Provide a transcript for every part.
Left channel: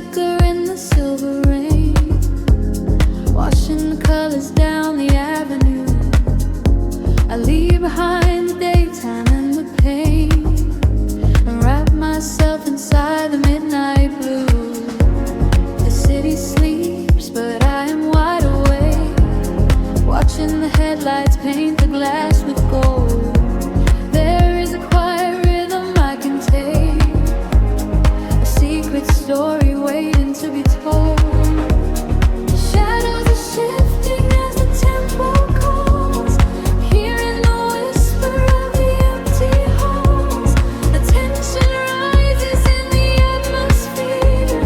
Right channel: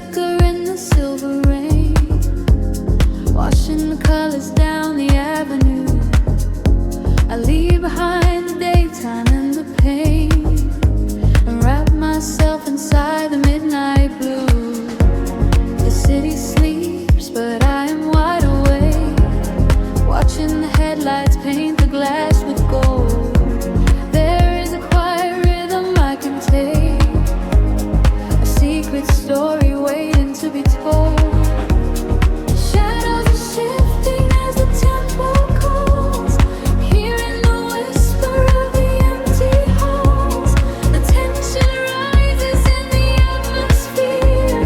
flicker in the silver rain, washing the colors down the avenue. I leave behind the daytime and the pain, and wrap myself inside the midnight blue. The city sleeps, but I am wide awake, watching the headlights paint the glass with gold. There is a quiet rhythm I can take, a secret story waiting to be told. Shadows are shifting as the tempo calls, hearing the whisper of the empty halls. The tension rises in the atmosphere,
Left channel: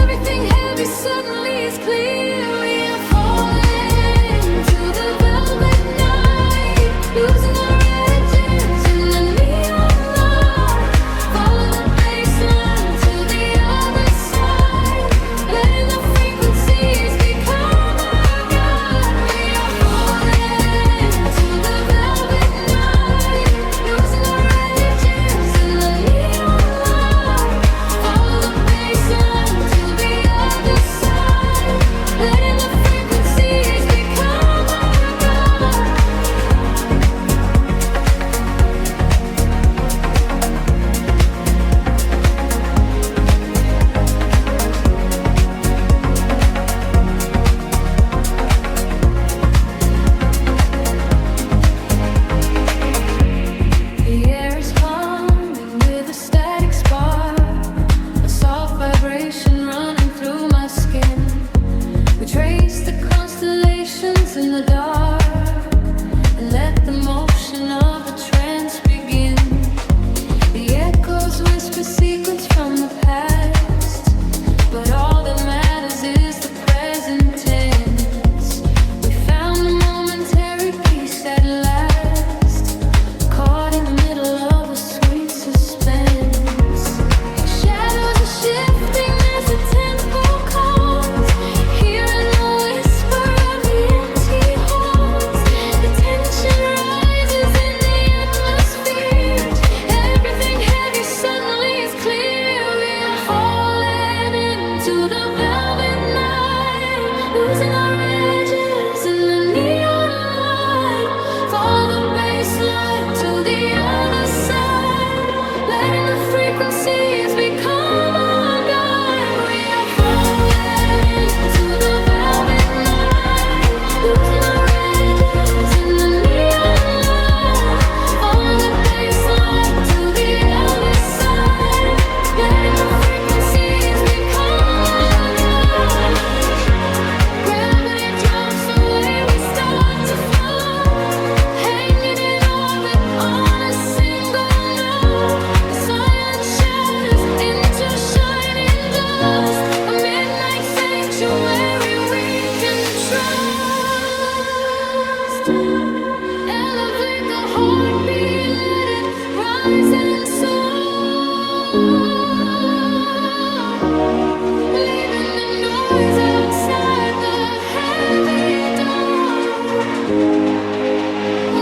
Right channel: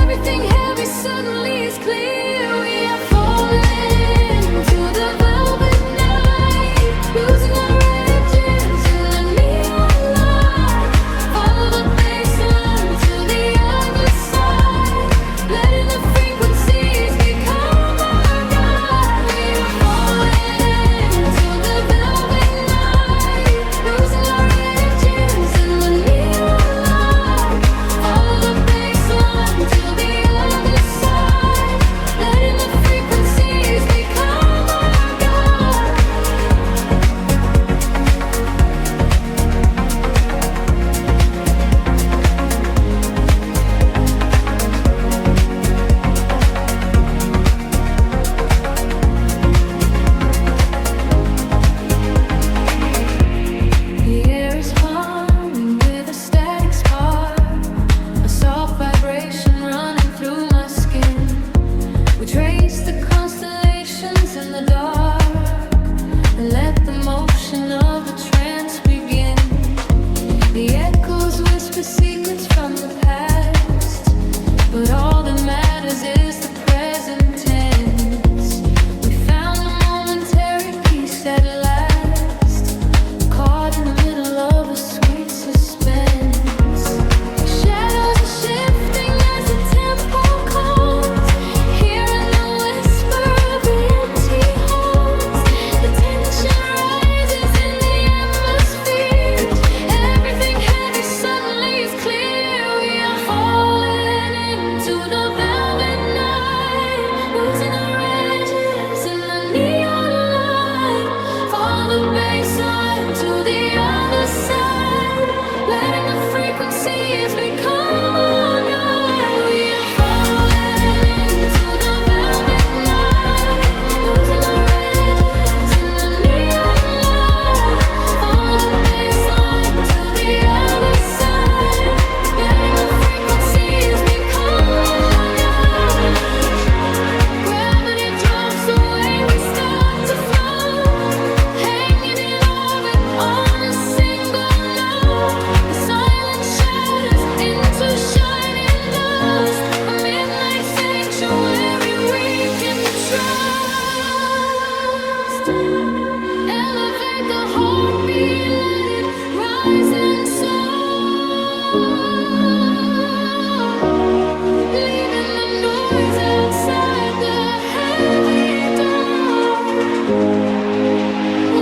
everything heavy suddenly is clear. We are falling to the velvet night, losing our edges in the neon light. Follow the bass line to the other side, letting the frequencies become our guide. We are falling to the velvet night, losing our edges in the neon light. Follow the bass line to the other side, letting the frequencies become our guide. The air is humming with a static spark, a soft vibration running through my skin. We trace the constellations in the dark, and let the motion of the trance begin. The echoes whisper secrets from the past, but all that matters is the present tense. We found a momentary peace at last, caught in the middle of a sweet suspense. Shadows are shifting as the tempo calls, hearing the whisper of the empty halls. The tension rises in the atmosphere, everything heavy suddenly is clear. We are falling into the velvet night, losing our edges in the neon light. Follow the bass line to the other side, letting the frequencies become our guide. We are falling into the velvet night, losing our edges in the neon light. Follow the bass line to the other side, letting the frequencies become our guide. Gravity drops away, we start to float, hanging in orbit on a single note. The silence shatters into shining dust, a midnight sanctuary we can trust. Elevate the heartbeat, let it rise and soar, leaving the noise outside the heavy dark.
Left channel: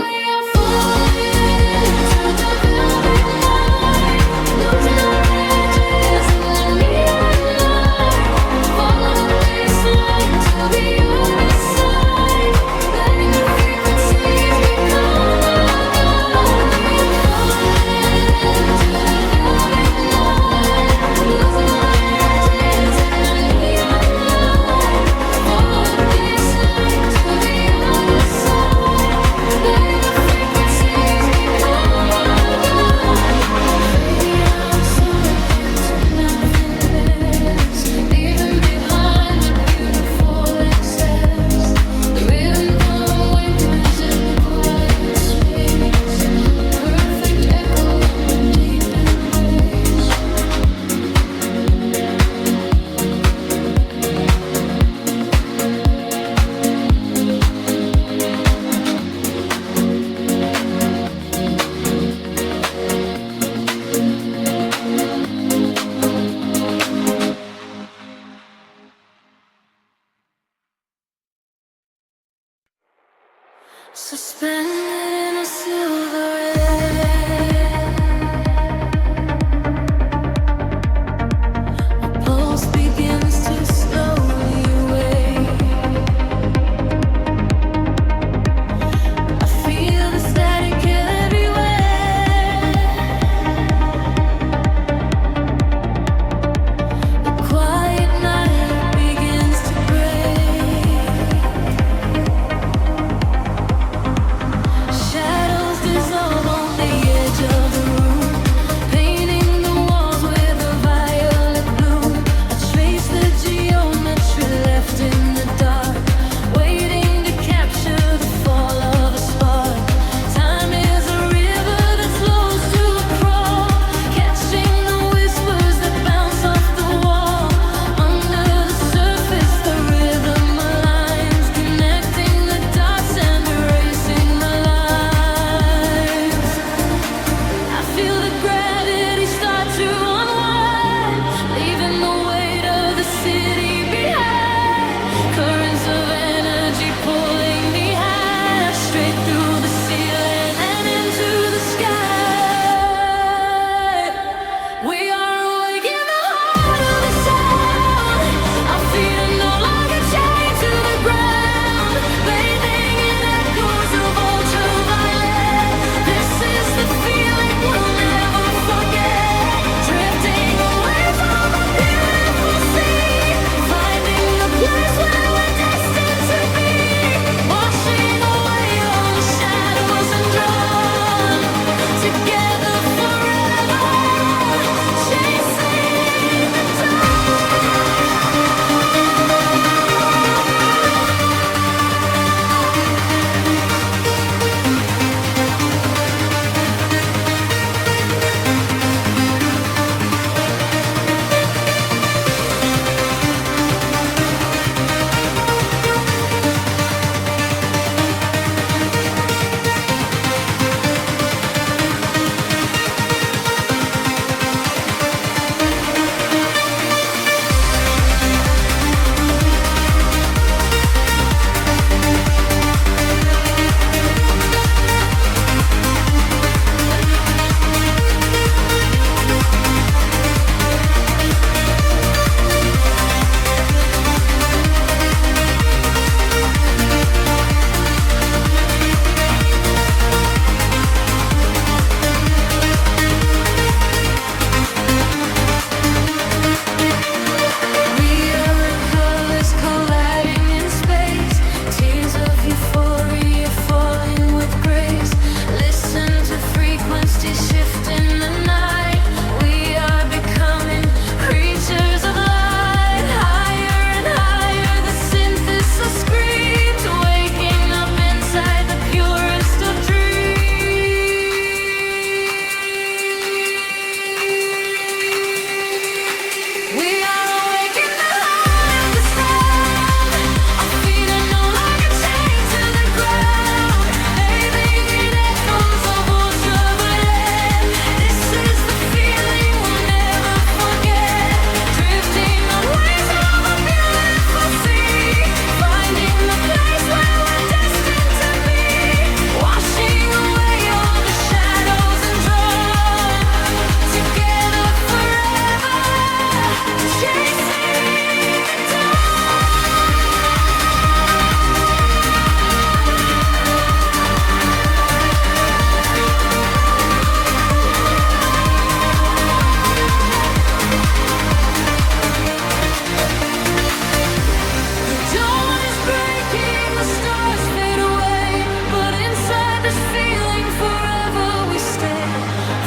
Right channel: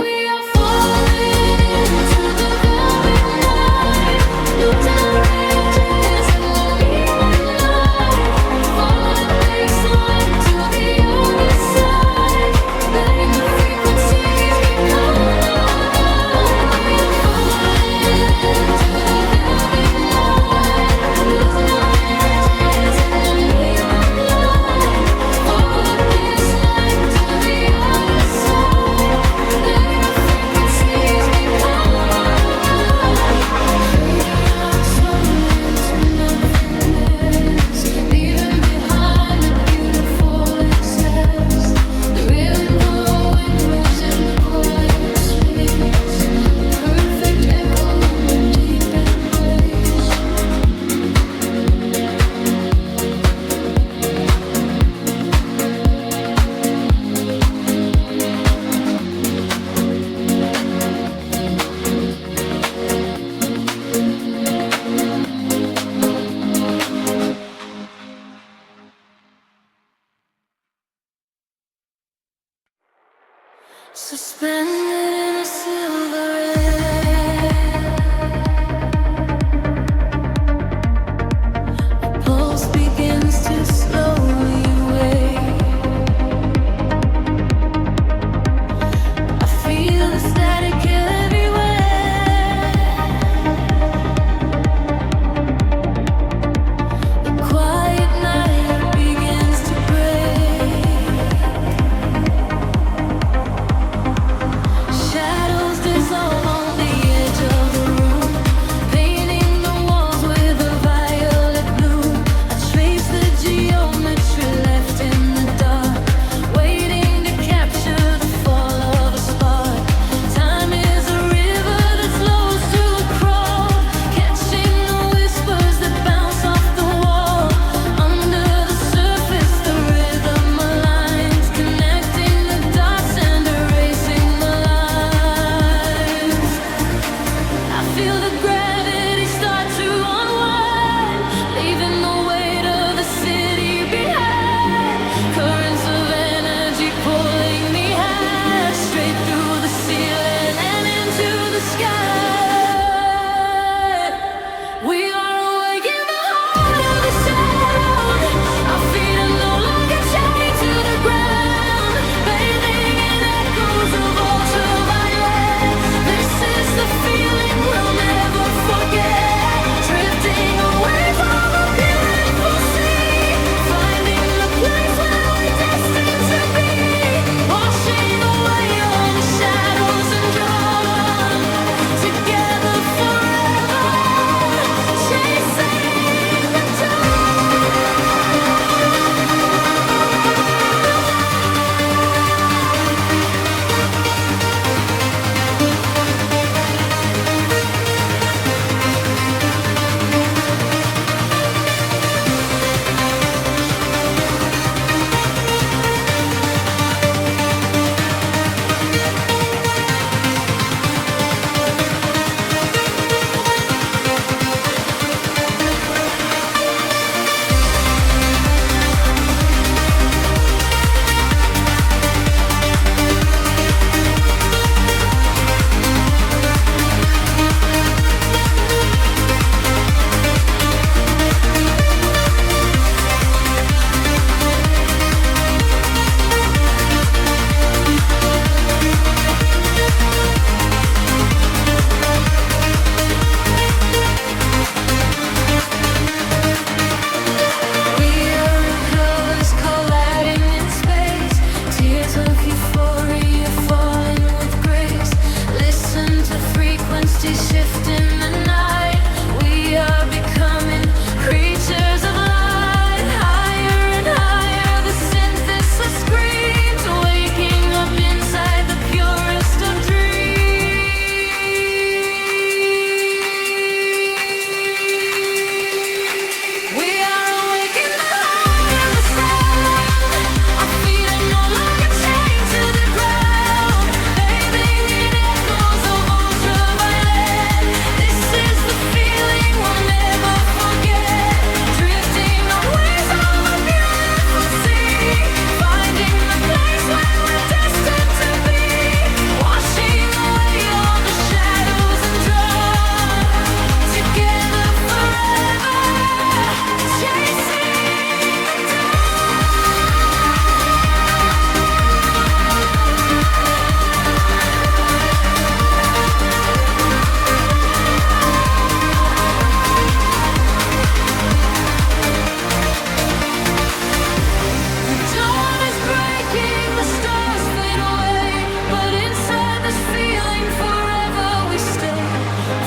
We are falling into the velvet night, losing our edges in the neon light. Follow the bass line to the other side, letting the frequencies become our guide. We are falling into the velvet night, losing our edges in the neon light. Follow the bass line to the other side, letting the frequencies become our guide. Fading out, slowing into nothingness, leaving behind the beautiful excess. The rhythm of awakeness in the quiet space, a perfect echo in your deep embrace. Suspended in a silver air, a pulse begins. feel the gravity start to unwind, leaving the weight of the city behind. Currents of energy pulling me high, straight through the ceiling and into the sky. We are awake in the heart of the sound. Our feet are no longer chained to the ground, bathing in echoes of ultraviolet. This is the feeling we'll never forget. Drifting away from a beautiful sea, finding the place where we're destined to be. Washing away all the shadows and drawn together forever, chasing the dawn. We are in colors colliding in space, tears of euphoria falling with grace. Listen to frequencies shift in the night. We are becoming creatures of light. Higher and higher, the synthesis screams, waking up inside the purest of dreams. We are awake in the heart of the sound. Our feet are no longer chained to the ground, bathing in echoes of ultraviolet. This is the feeling we'll never forget. Drifting on waves of a beautiful sea, finding the place where we're destined to be. Washing away all the shadows and drawn together forever, chasing the dawn. The dawn is breaking, the stars fade away, but inside this feeling forever we stay.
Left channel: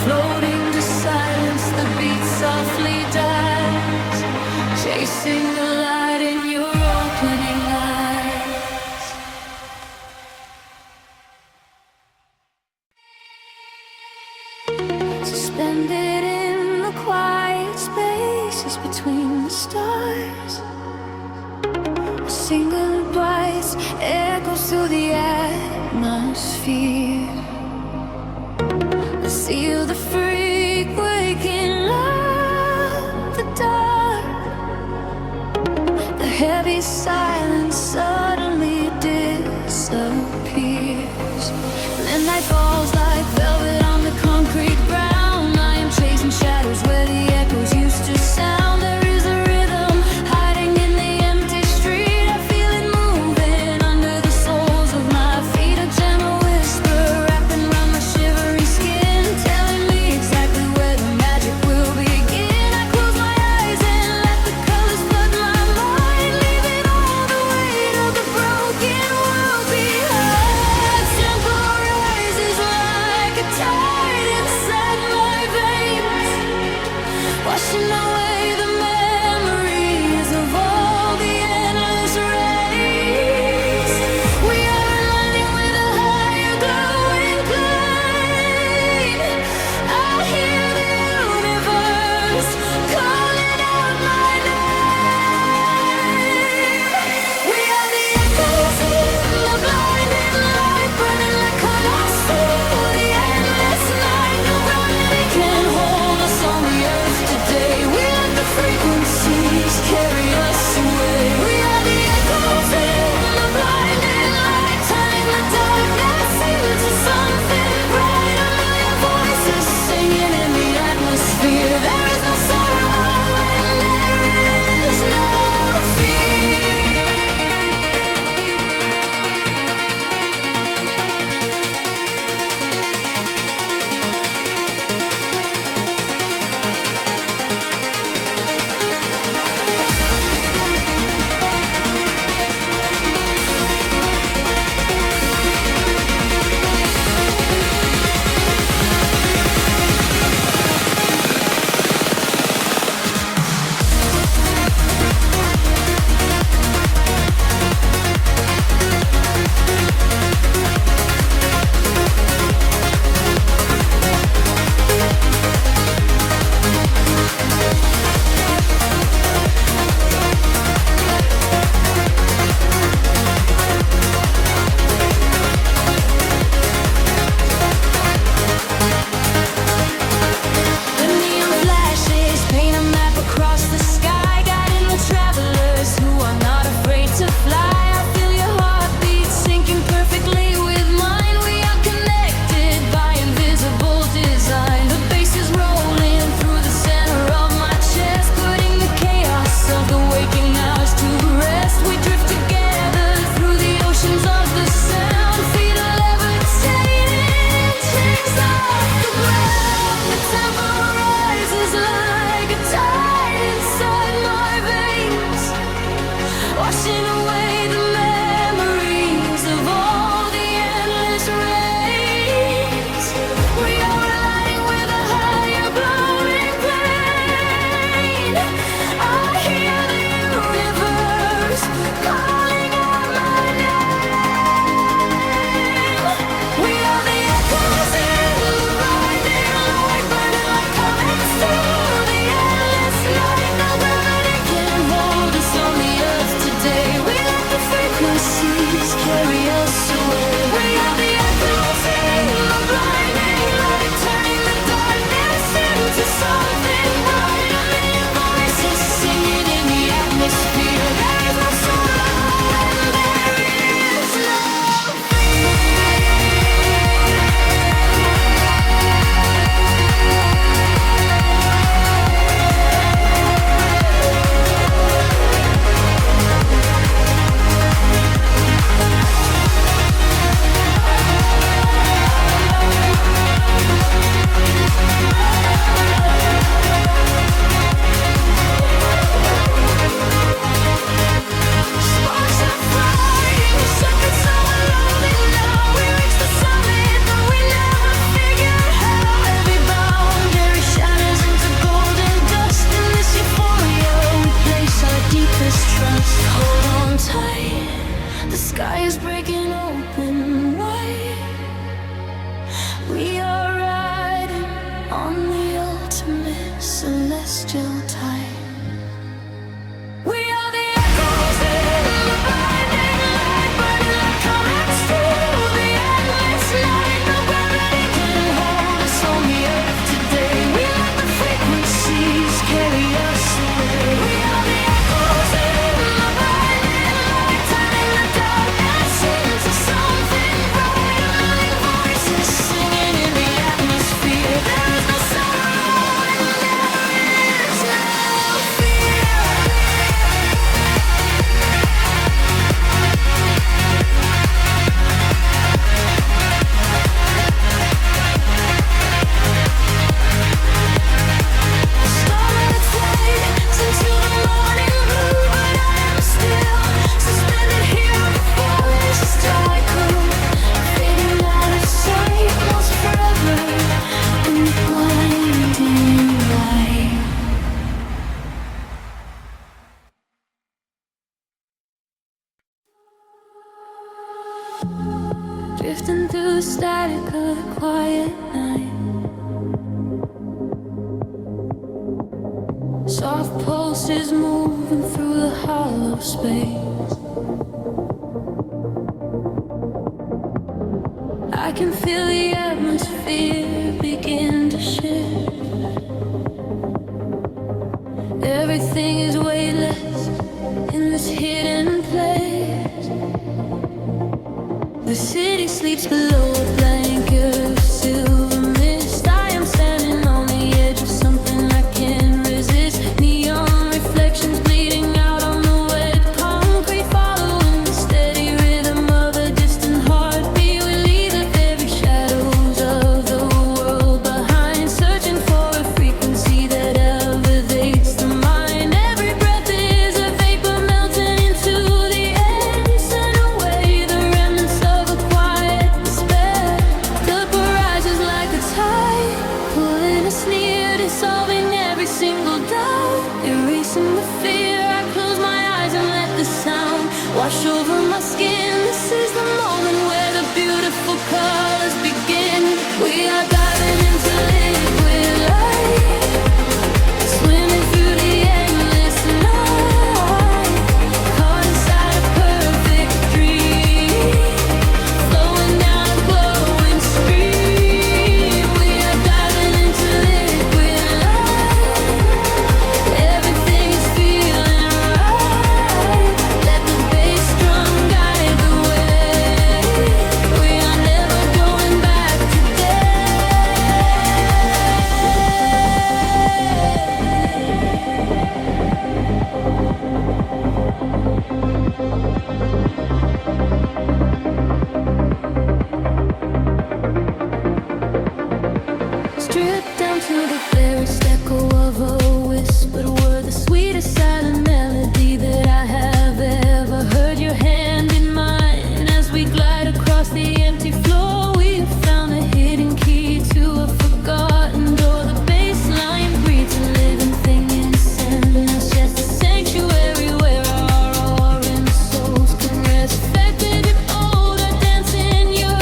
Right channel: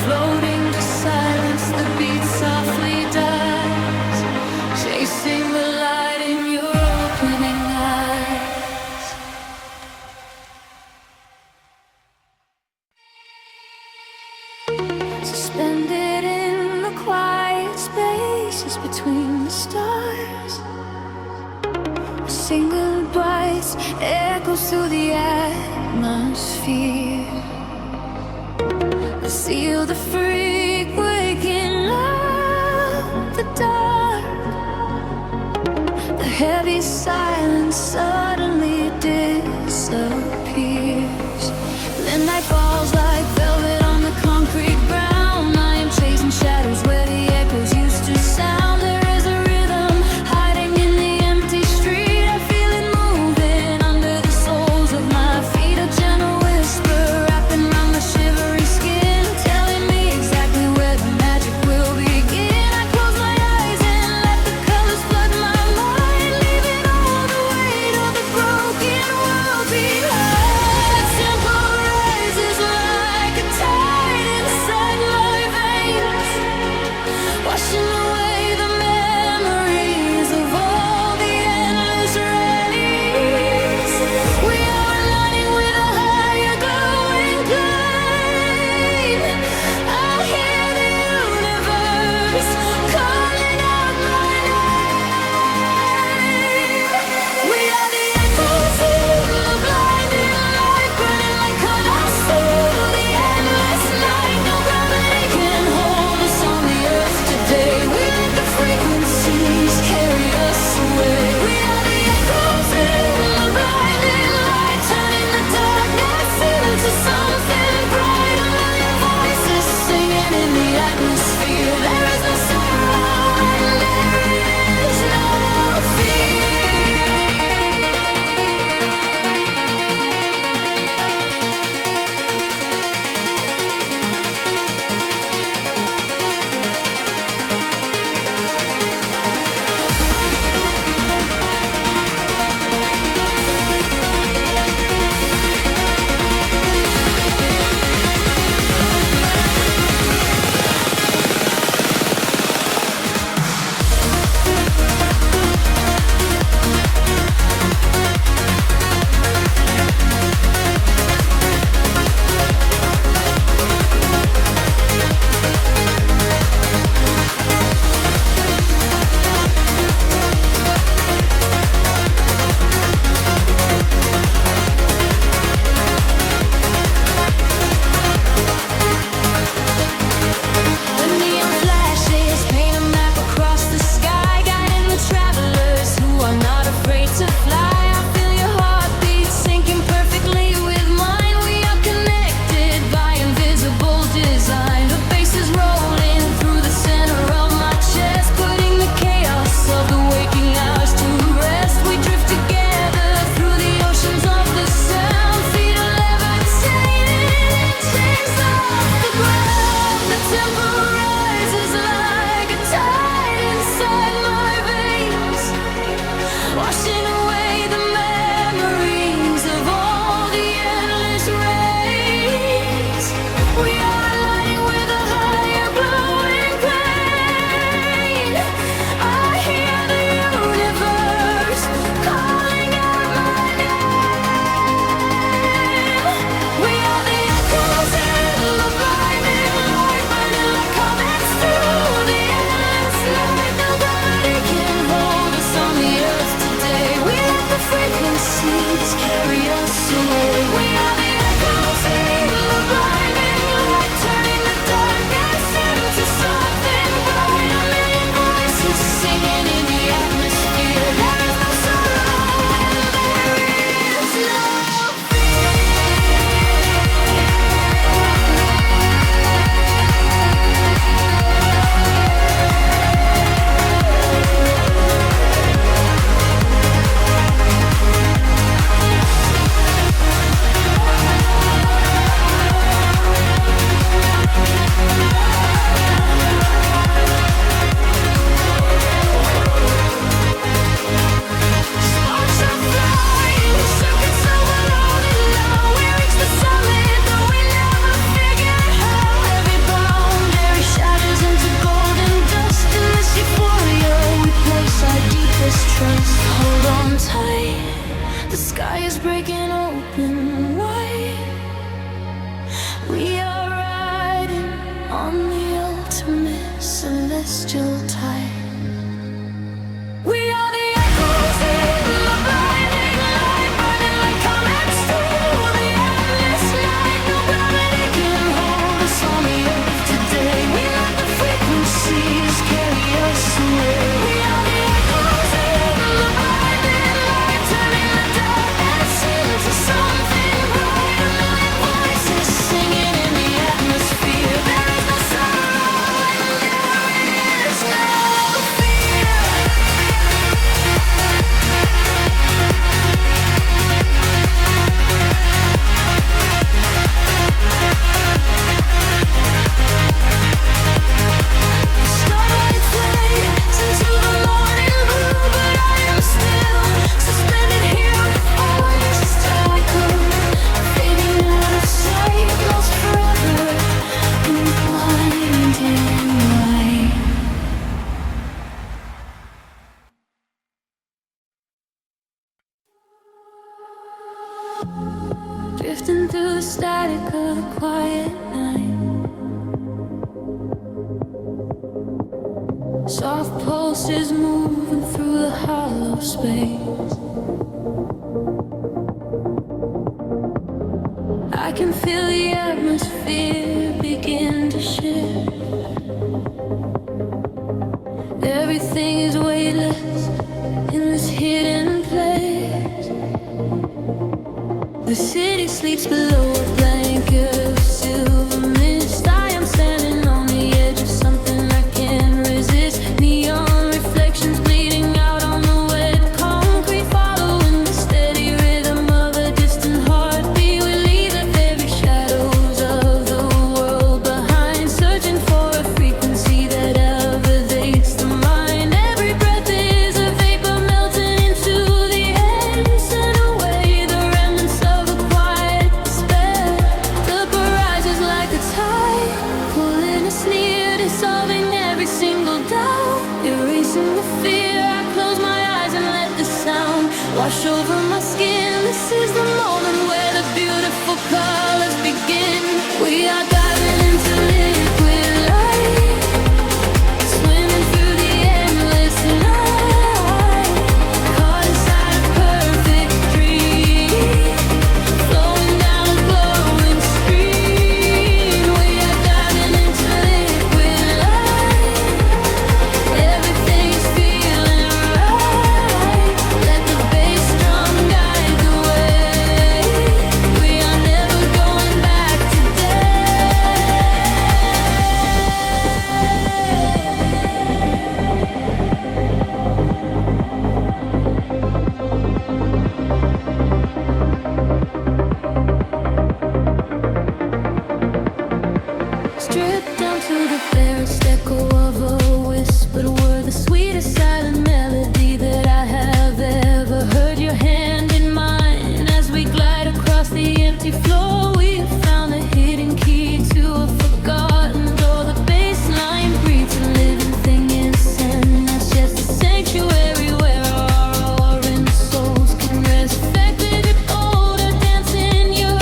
Floating to silence, the beat softly dies, chasing the light in your opening eyes. Suspended in the quiet spaces between the stars, a single voice echoes through the atmosphere. I seal the freak waking up the dark. The heavy silence suddenly disappears. The night falls like velvet on the concrete ground. I am chasing shadows where the echoes used to sound. There is a rhythm hiding in the empty street. I feel it moving under the soles of my feet. A gentle whisper wrapping around my shivering skin, telling me exactly where the magic will begin. I close my eyes and let the colors flood my mind, leaving all the weight of the broken world behind. Tempo rises like a tide inside my veins, washing away the memories of all the endless rays. We are aligning with a higher glowing flame. I hear the universe calling out my name. We are the echoes in the blinding light, burning like colors through the endless night. No gravity carry us away. We are the echoes in the blinding light, turning the darkness into something bright. A million voices singing in the atmosphere. There is no sorrow and there is no fear. To fly, I feel your heartbeat syncing perfectly with mine. We are connected by invisible design. The bass is rolling through the center of my chest, putting the chaos of the waking hours to rest. We drift together through the oceans of the sound, feet are levitating, chains off the ground. The tempo rises like a tide inside my veins, washing away the memories of all the endless rays. We are aligning with a higher glowing plane. I hear the universe calling out my name. We are the echoes in the blinding light, burning like comets through the endless night. No gravity can hold us on the earth today. We let the frequencies carry us away. We are the echoes in the blinding light, turning the darkness into something bright. A million voices singing in the atmosphere. There is no sorrow and there is no trust. Hold on tight, the sky is breaking open wide. We are riding on the ultimate celestial tide. We are the echoes in the blinding light, burning like comets through the endless night. No gravity can hold us on the earth today. We let the frequencies carry us away. We are the echoes in the blinding light, turning the darkness into something bright. A million voices singing in the atmosphere. There is no sorrow and there is no fear. Starlight fades into the morning blue, but I am still suspended here with voices tycoon, fading out of sight, lost forever in the blinding light. Drifting through the static of the quiet night, soft pulses moving through the hollow space. I can feel the atmosphere begin to shift. Everything is weightless, this hidden place. The city sleeps below a blanket of silver mist. I am standing on the edge of something I can't resist. Neon reflections bleeding out on the wet concrete, following the steady rhythm of a distant heartbeat. We leave the very shadows of the world behind, searching for a frequency that elevates the mind. Every breath is a vapor melting into the air, send away the remnants of a quiet despair. The barrage is like a tide, pulling us near, dissolving every single doubt, erasing the fear. I close my eyes and let the sound wash over my skin. This is the moment where the beautiful colors begin. We are diving into liquid light, swimming through the endless night, caught inside a perfect dream, flowing down a glowing stream. We are diving into liquid light, everything is feeling right. Let the bass drum guide the way. We are never going back today. Stripped down to the barest echo of a whispered word, the sweetest silent melody that I have ever heard. Your hand in mine as we glide across the empty floor. We have found the hidden key to a forgotten door. The bass line breathes a living thing inside us, just a sanctuary where our roaring souls can rest. Affected with odor, dance in your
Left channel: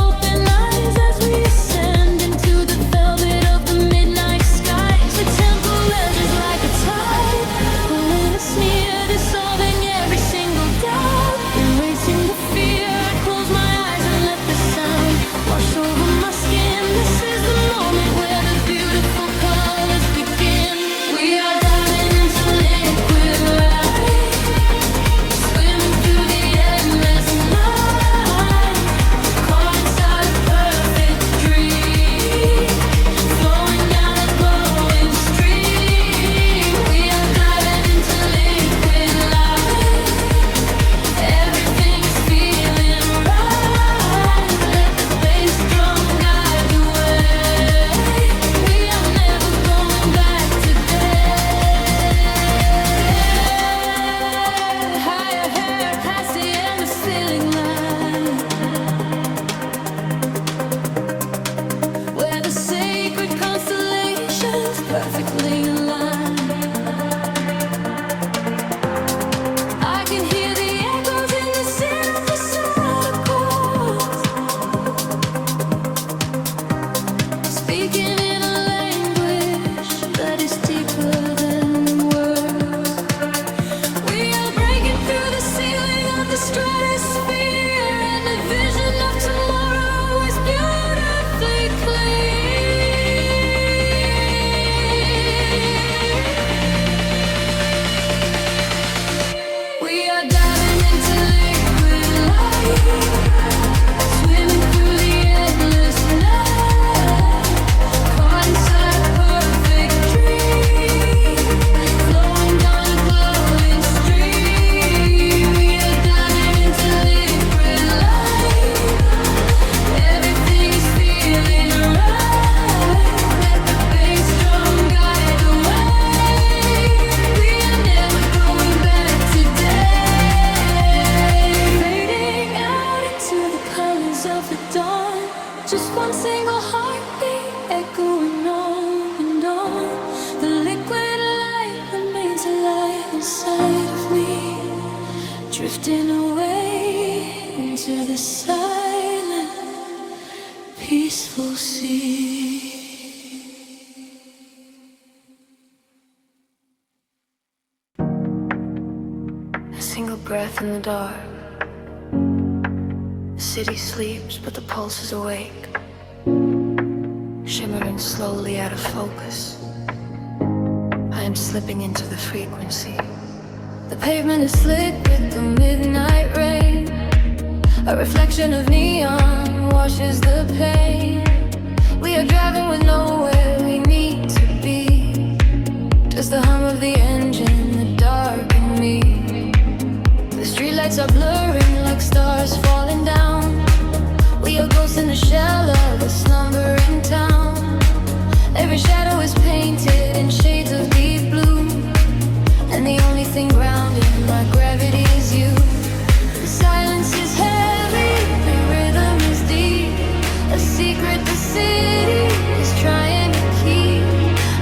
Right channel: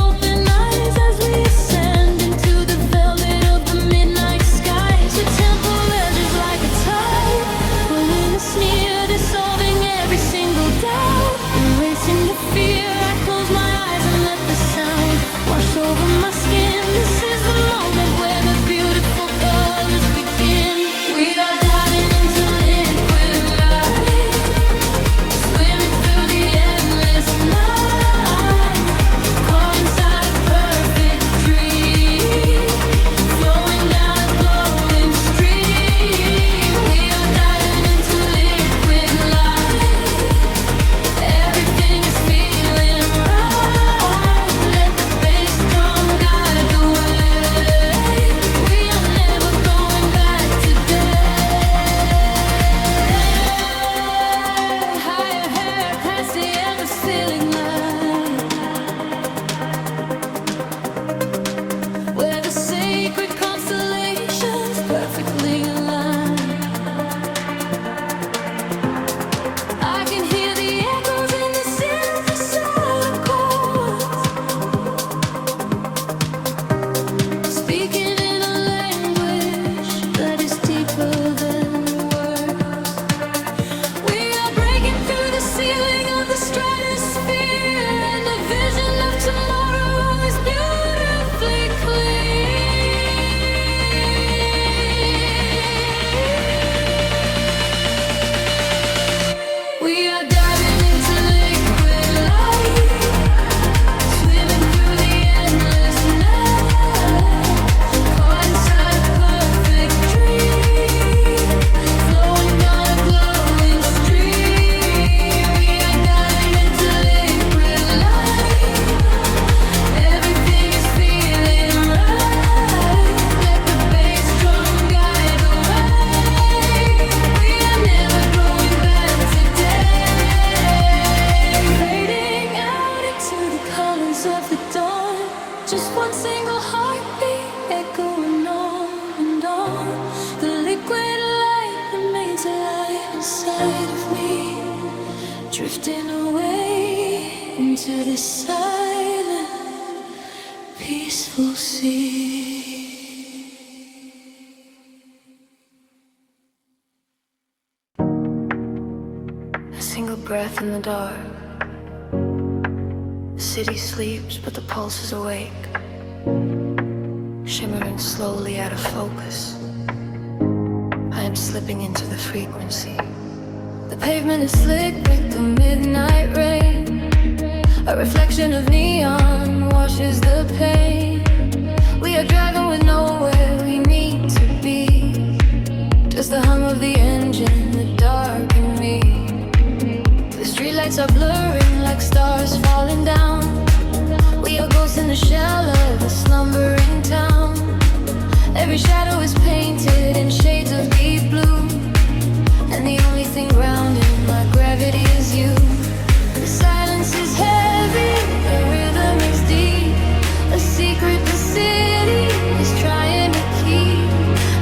open eyes as we ascend into the velvet of the midnight skies. The temple ledges like a tide, pulling us near, dissolving every single doubt, erasing the fear. I close my eyes and let the sound wash over my skin. This is the moment where the beautiful colors begin. We are diving into liquid light, swimming through the endless night, caught inside a perfect dream, flowing down a glowing stream. We are diving into liquid light, everything is feeling right. Let the bass drum guide the way. We are never going back today. Higher hair past the end of feeling line, where the sacred constellations perfectly aligned. I can hear the echoes in the synthesizer chords, speaking in a language that is deeper than words. We are breaking through the ceiling of the stratosphere, and the vision of tomorrow is beautifully clear. We are diving into liquid light, swimming through the endless night, caught inside a perfect dream, flowing down a glowing stream. We are diving into liquid light, everything is feeling right. Let the bass drum guide the way. We are never going back today. Fading out into the colors of the dawn, just one single heartbeat echoing on and on. The liquid light remains alive inside of me, drifting away into the silent, peaceful sea. A single breath in the dark. The city sleeps, but the pulse is awake, shimmering slowly out of focus. I am slipping into the frequency, The pavement is slick with the midnight rain. A reflection of neon washes the pain. We are driving with nowhere we need to be. Just the hum of the engine, the dark and me. The streetlights are blurring like stars falling down. We are ghosts in the shell of a slumbering town. Every shadow is painted in shades of deep blue, and the only thing grounding my gravity is you. The silence is heavy, the rhythm is deep. A secret the city is trying to keep.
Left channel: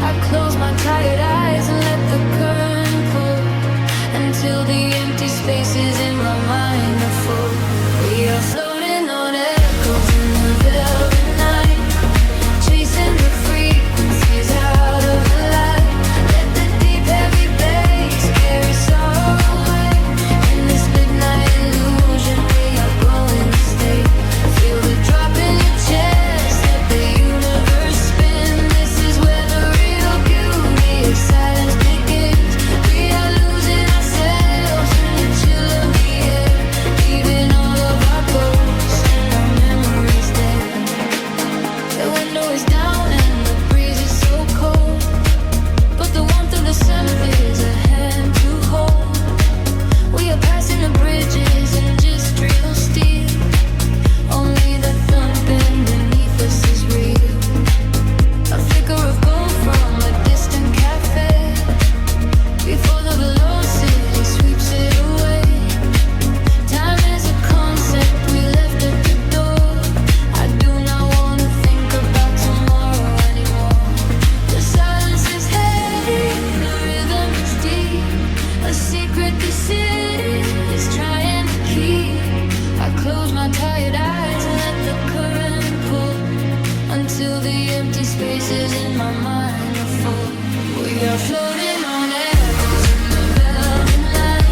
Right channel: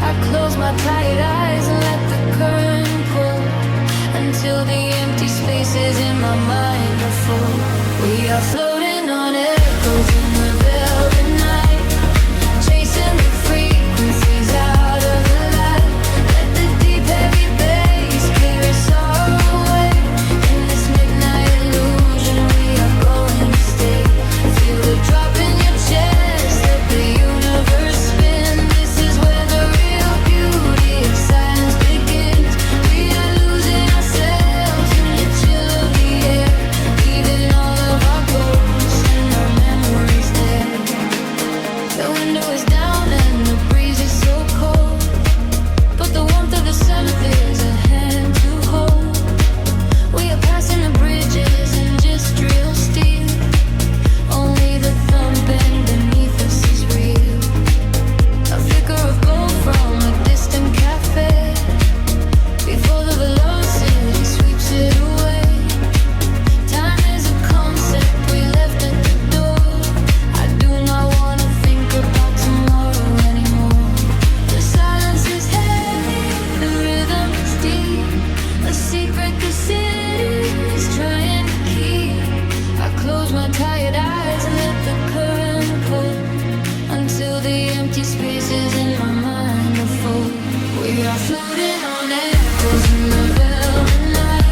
I close my tired eyes and let the current pull until the empty spaces in my mind are full. We are floating on echoes in the velvet night, chasing the frequencies out of the light. Let the deep heavy bass carry sorrow away. In this midnight illusion we are going to stay. Feel the drop in your chest, let the universe spin. This is where the real beauty of silence begins. We are losing ourselves in the chill of the air, leaving all of our ghosts and our memories there. The window is down and the breeze is so cold, but the warmth of the sunset is a hand to hold. We are passing the bridges and just real steel. Only the thumping beneath us is real. A flicker of gold from a distant cafe before the velocity sweeps it away. Time is a concept we left at the door. I do not want to think about tomorrow anymore. The silence is heavy, the rhythm is deep. A secret the city is trying to keep. I close my tired eyes and let the current pull until the empty spaces in my mind are full. We are floating on echoes in the velvet night,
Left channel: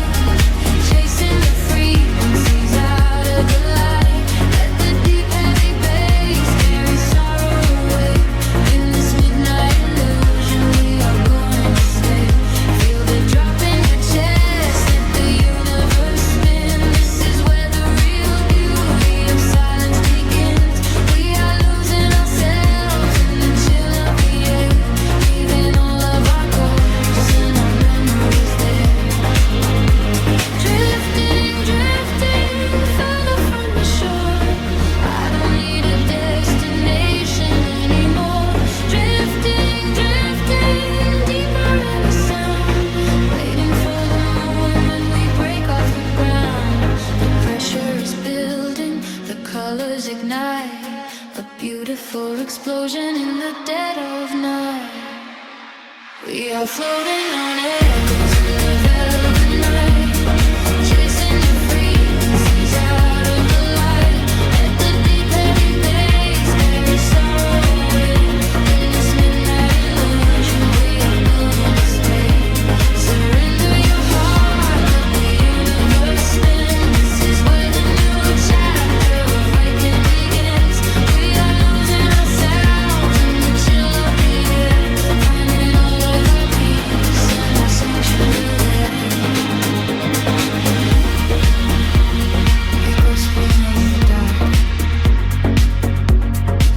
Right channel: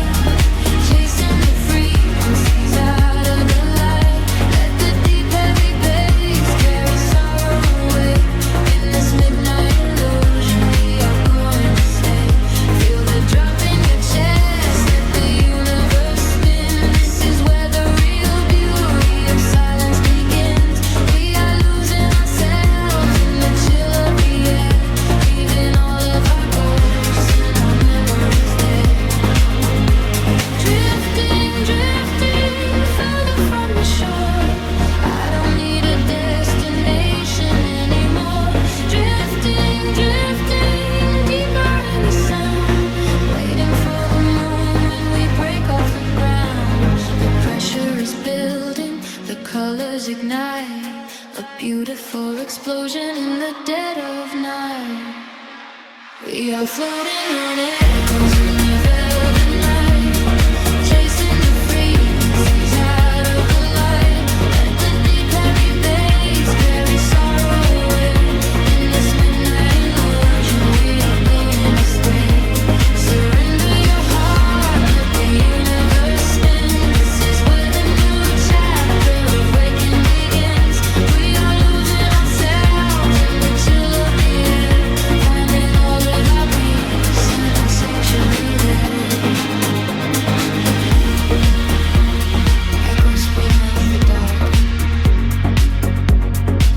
chasing the frequencies out of the light. Let the deep heavy bass carry sorrow away. In this midnight illusion we are going to stay. Feel the drop in your chest, let the universe spin. This is where the real beauty of silence begins. We are losing ourselves in the chill of the air, leaving all of our ghosts and our memories there. Drifting, drifting further from the shore. I don't need a destination anymore. Drifting, drifting deeper in the sound, waiting for the moment we break off the ground. The pressure is building, the colors ignite, a beautiful explosion in the dead of night. We are floating on echoes in the velvet night, chasing the frequencies out of the light. Let the deep heavy bass carry sorrow away. In this midnight illusion we are going to stay. Surrender your heart, let the universe spin. This is where the new chapter of waking begins. We are losing ourselves in the chill of the air, finding all of our peace and our sanctuary there. Echoes midnight in the dark.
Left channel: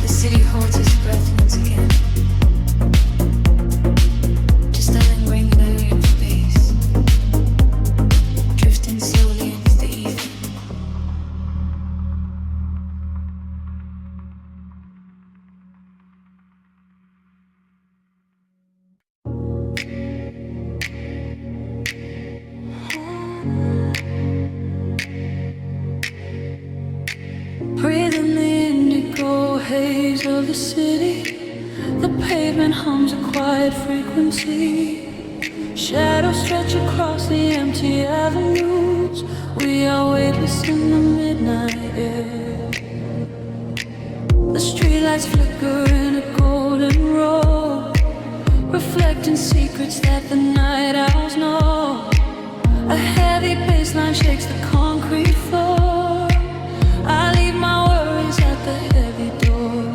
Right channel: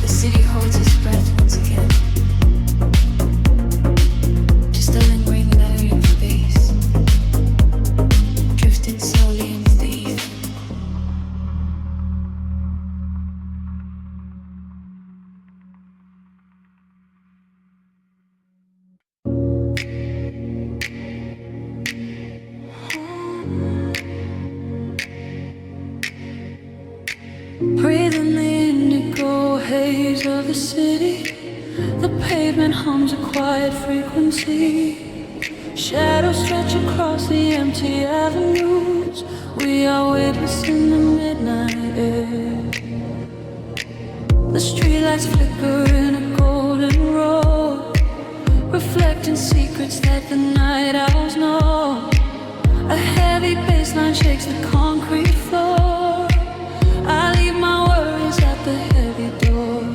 The city holds its breath once again. Just a lingering layer of space, drifting slowly into the ether. Breathing the indigo haze of the city, the pavement hums a quiet frequency. Shadows stretch across the empty avenues. We are weightless in the midnight air. The streetlights flicker in a golden row, reflecting secrets that the night owls know. A heavy bassline shakes the concrete floor. I leave my worries at the heavy door.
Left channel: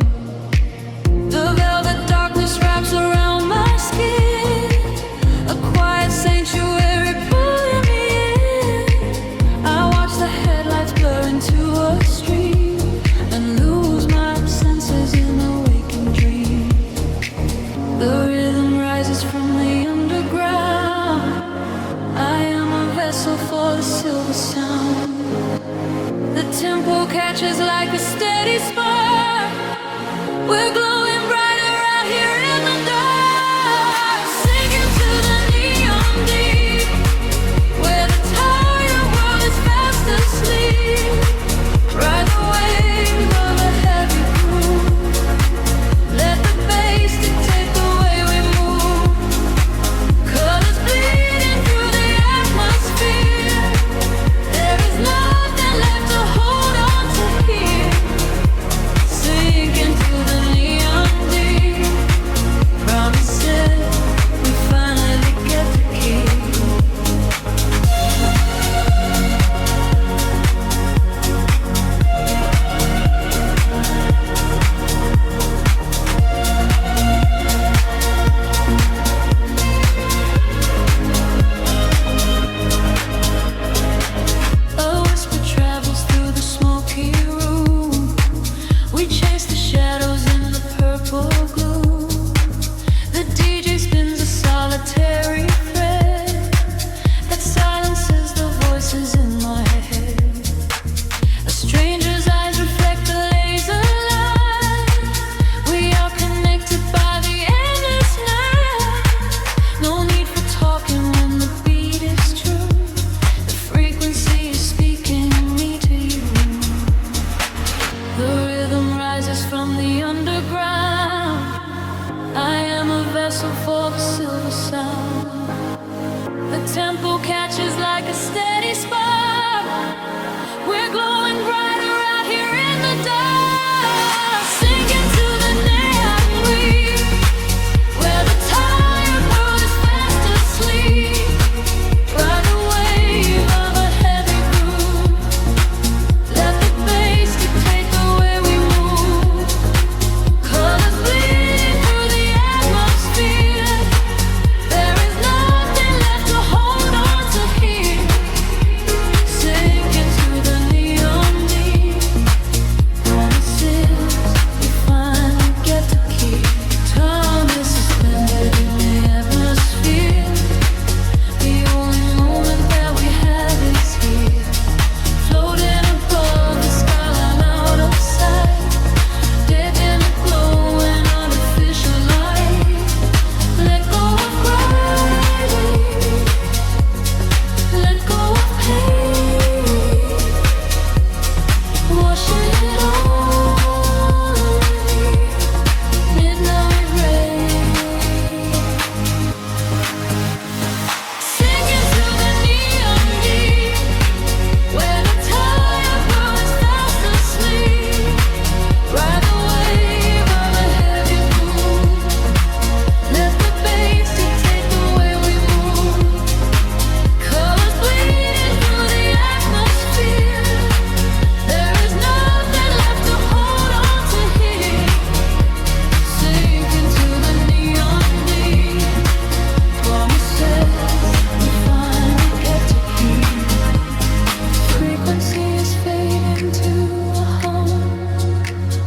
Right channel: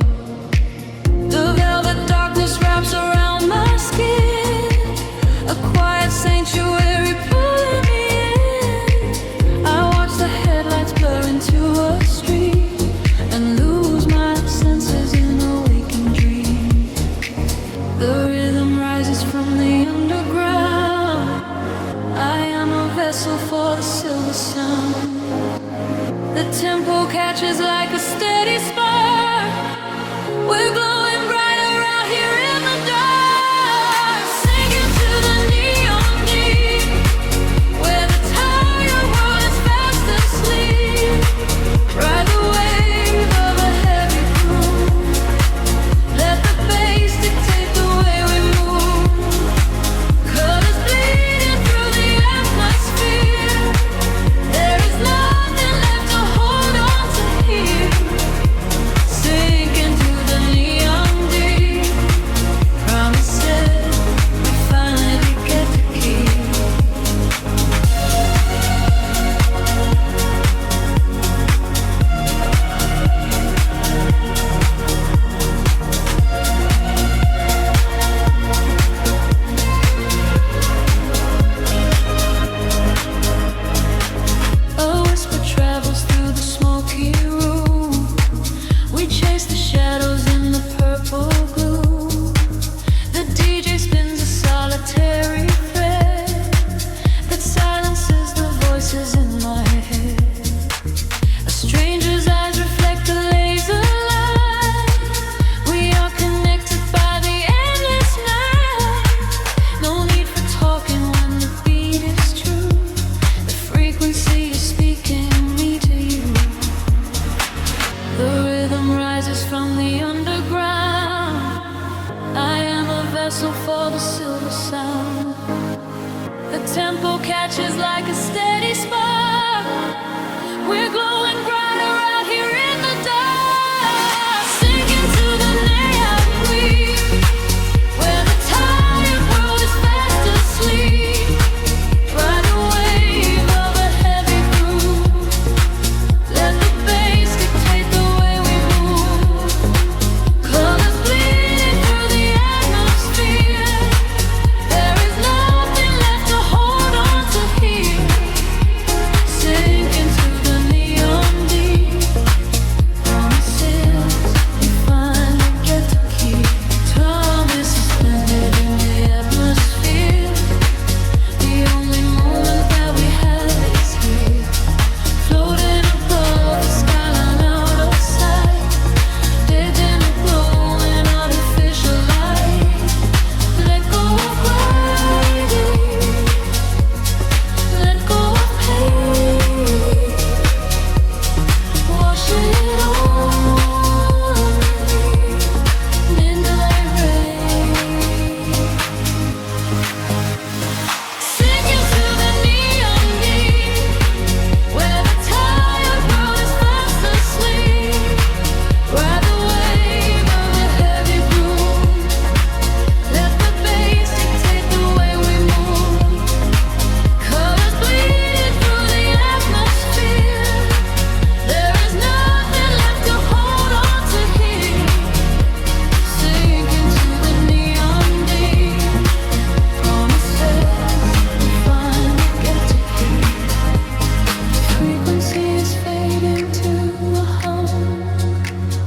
The velvet darkness wraps around my skin, a quiet sanctuary pulling me rises from the underground. I am a vessel for the silver sound. The tempo catches like a steady spark. We're glowing brighter out here in the dark, sinking to the neon deep, where the tired world is fast asleep. Ride the wave of a heavy groove. Let the bass dictate the way we move. Colors bleeding through the atmosphere. There is nothing left to hold on to here. Sinking to the neon deep. Promises we finally get to keep. A whisper travels through the smoky room. We chase the shadows in the purple gloom. The DJ spins a solitary thread that silences the voices in my head. A stranger's eyes reflect the laser light. We are connected by the endless night. No need for talking when the beat is true. The frequency is speaking me to you. The rhythm rises from the underground. I am a vessel for the silver sound. The tempo catches like a steady spark. We're glowing brighter out here in the dark, sinking to the neon weave, where the tired world is fast asleep. Ride the wave of a heavy groove. Let the bass dictate the way we move. Colors bleeding through the atmosphere. There is nothing left to hold on to here. Sinking to the neon deep. Promises we finally get to keep. Time is suspended in the atmosphere. The only moment that we have is here. Floating above the skyline out of sight. Dead in a glowing artificial light. Let go of gravity. Let go of pain. Washing it all away. Midnight rain. Sinking to the neon deep, where the tired world is fast asleep. Ride the wave of a heavy groove. Let the bass dictate the way we move. Colors bleeding through the atmosphere. There is nothing left to hold on to here. Sinking to the neon deep. Promises we finally get to keep. Frequency is fading to a hum,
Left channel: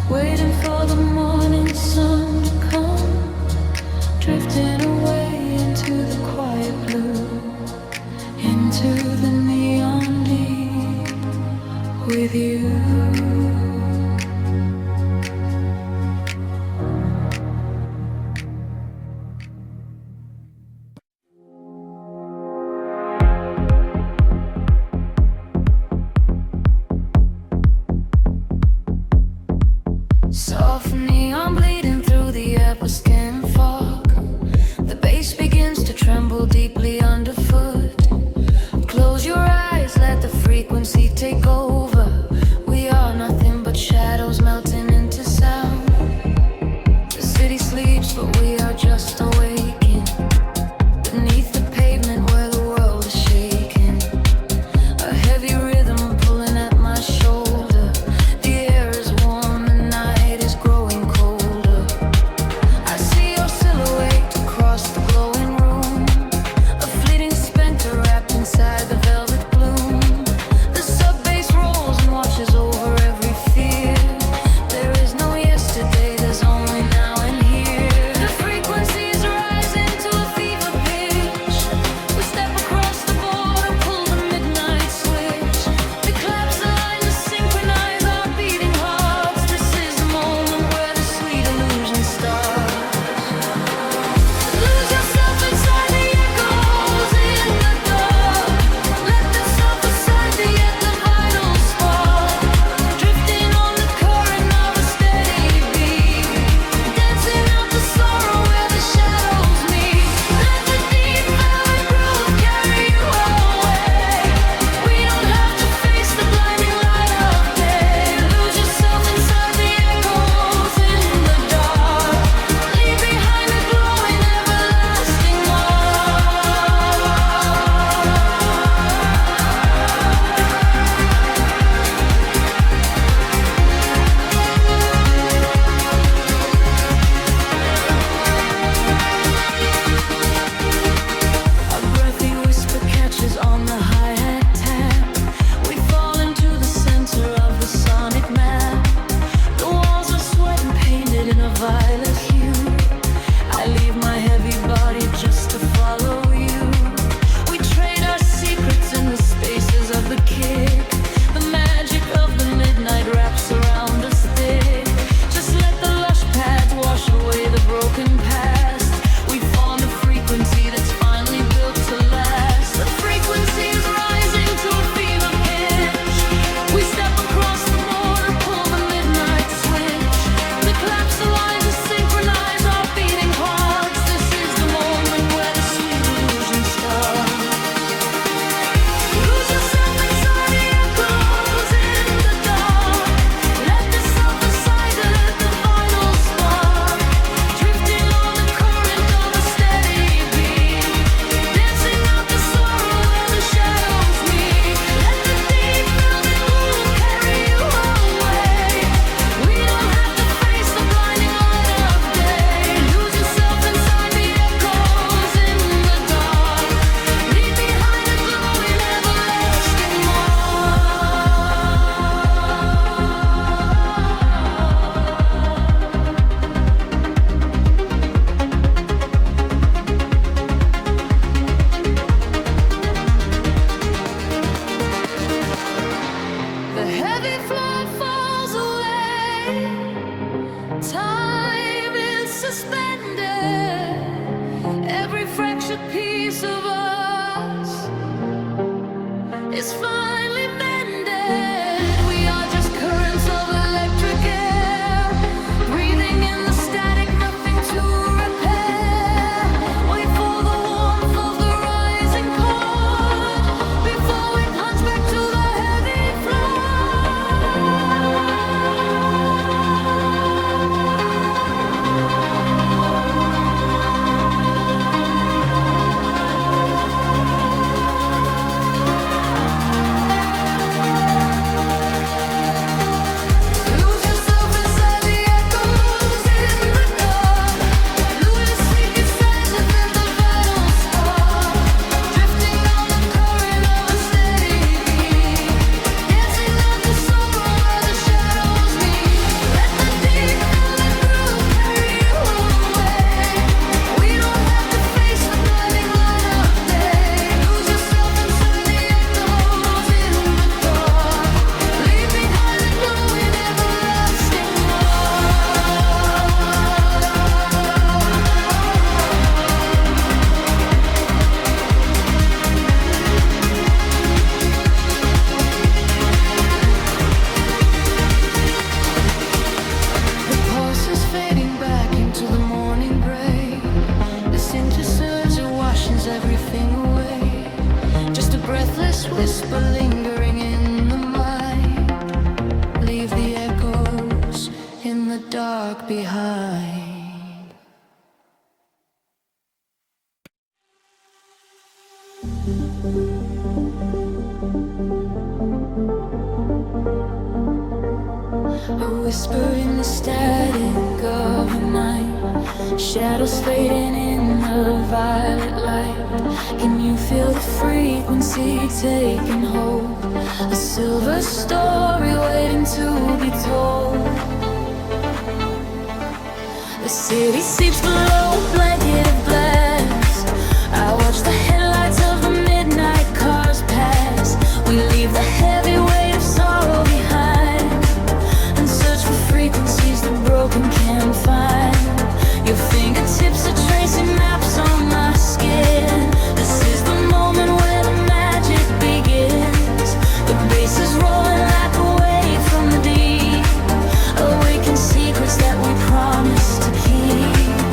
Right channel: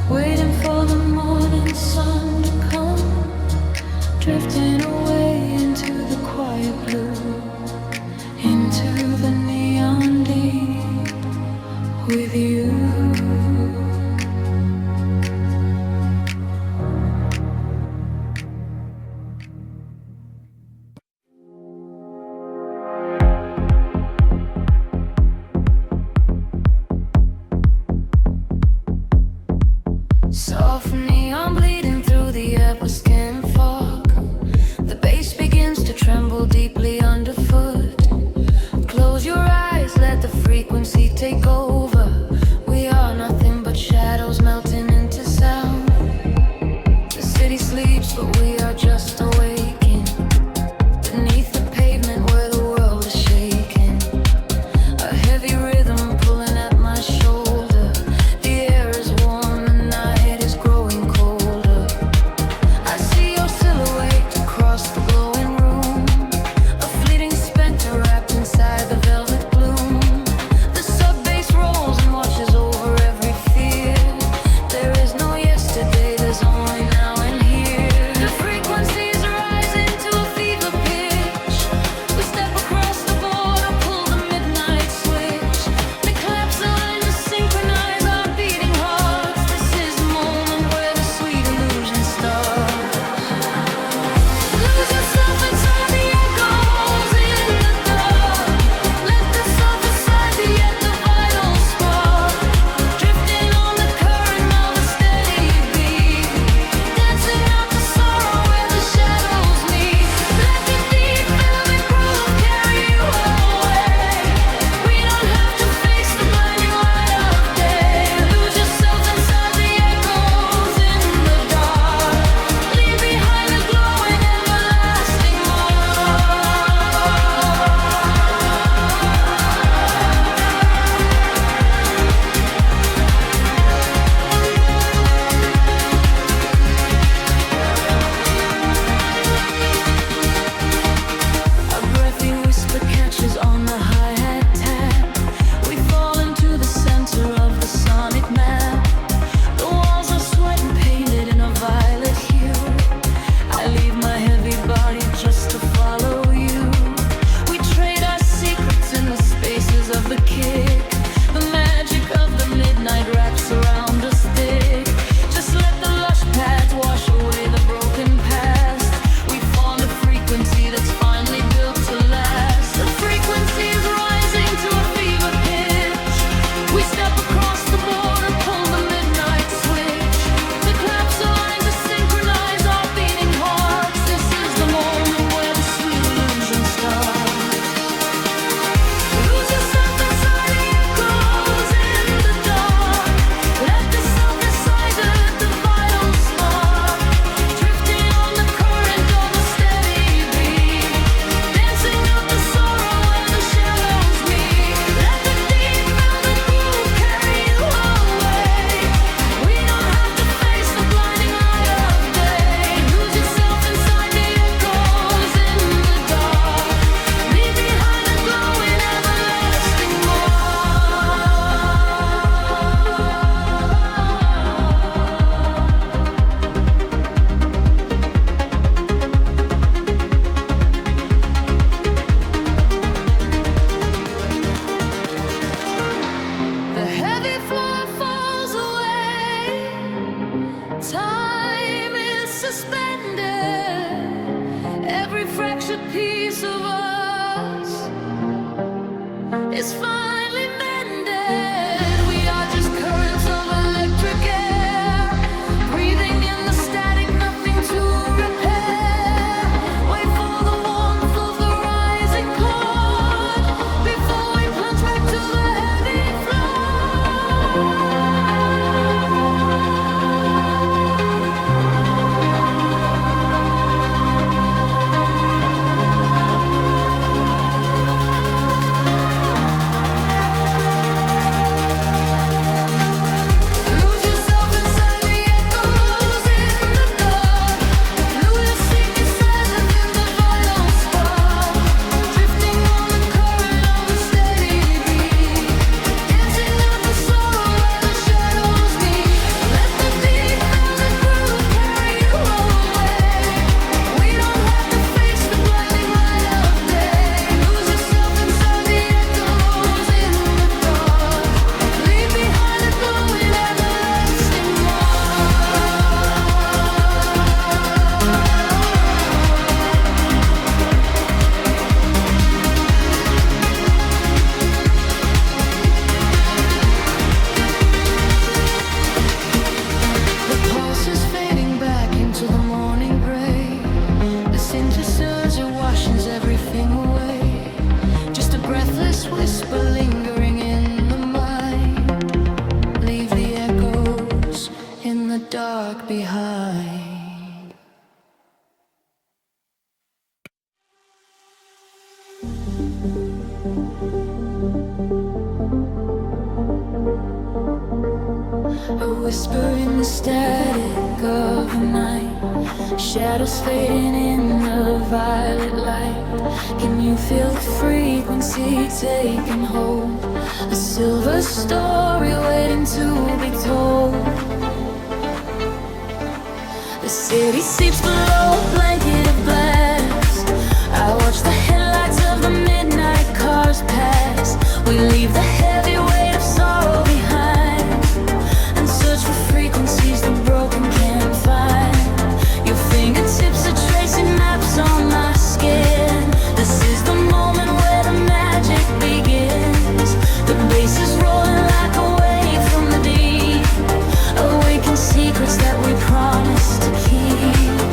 waiting for the morning sun to come. Drifting away into the quiet blue, into the neon deep with you. Soft neon bleeding through the upper skin fog. The bass begins to tremble deeply underfoot. Close your eyes, let the frequency take over. We are nothing but shadows melting into sound. The city sleeps, but we are just awaking. Beneath the pavement where the world is shaking. A heavy rhythm pulling at my shoulder. The air is warm, the night is growing colder. I see your silhouette across the glowing room. A fleeting specter wrapped inside the velvet gloom. The sub bass rolls and washes over every fear. There is no yesterday, there's only now and here. The frequencies rise. ashes on the hi-hat tap. We fall into the center of the sonic map. The walls are sweat and painted in a violet hue. I leave my heavy body just to follow you. We trade our secrets in the spaces of the kick. The magic of the midnight wraps around us thick. Just let the lush pads wash away the broken past. We formed a frequency that's finally built to last. The frequency is rising to a fever pitch. We step across the border, pull the midnight switch. The claps align to synchronize our beating hearts. This is the moment where the sweet illusion starts. Lose yourself inside the echoes in the dark. Let the self inside the vital spark. Drifting on the current of a steady beat. Dancing out the sorrow where the shadows meet. Let the deep velvet groove carry you away. We don't have to face the blinding light of day. Lose yourself inside the echoes in the dark. Leave behind a glowing everlasting The heavy floor falls away. Time is suspended. Every fractured piece of us is finally mended. We are just currents of electric air, breathing in the static, nothing to repair. Wait for the warmth of the rising chord before we plunge back to the heavy Lose yourself inside the echoes in the dark. Lose your secret silence in the vital spark. Drifting on the current of a steady beat. Dancing out the sorrow where the shadows meet. Let the deep velvet groove carry you away. We don't have to face the blinding light of day. Lose yourself inside the echoes in the dark. Leave behind a glowing everlasting The pulse is fading back into the morning gray. The synthesizer washes everything away. Just a breathless whisper lingering in the mind. Leave the echoes in the dark behind. A whisper in the static of the night. Shadows fading in the violet light. Can you feel the frequency taking hold? A silver story waiting to be told. The city sleeps below a blanket of glass. I watch the headlights of the midnight cars pass. We leave the heavy weight of sorrow behind and search for frequencies the broken can't find. Your fingertips are tracing maps on my skin. This is the moment where the magic begins. The bass is rolling like a wave from the deep. Awaken secrets that we promised to keep.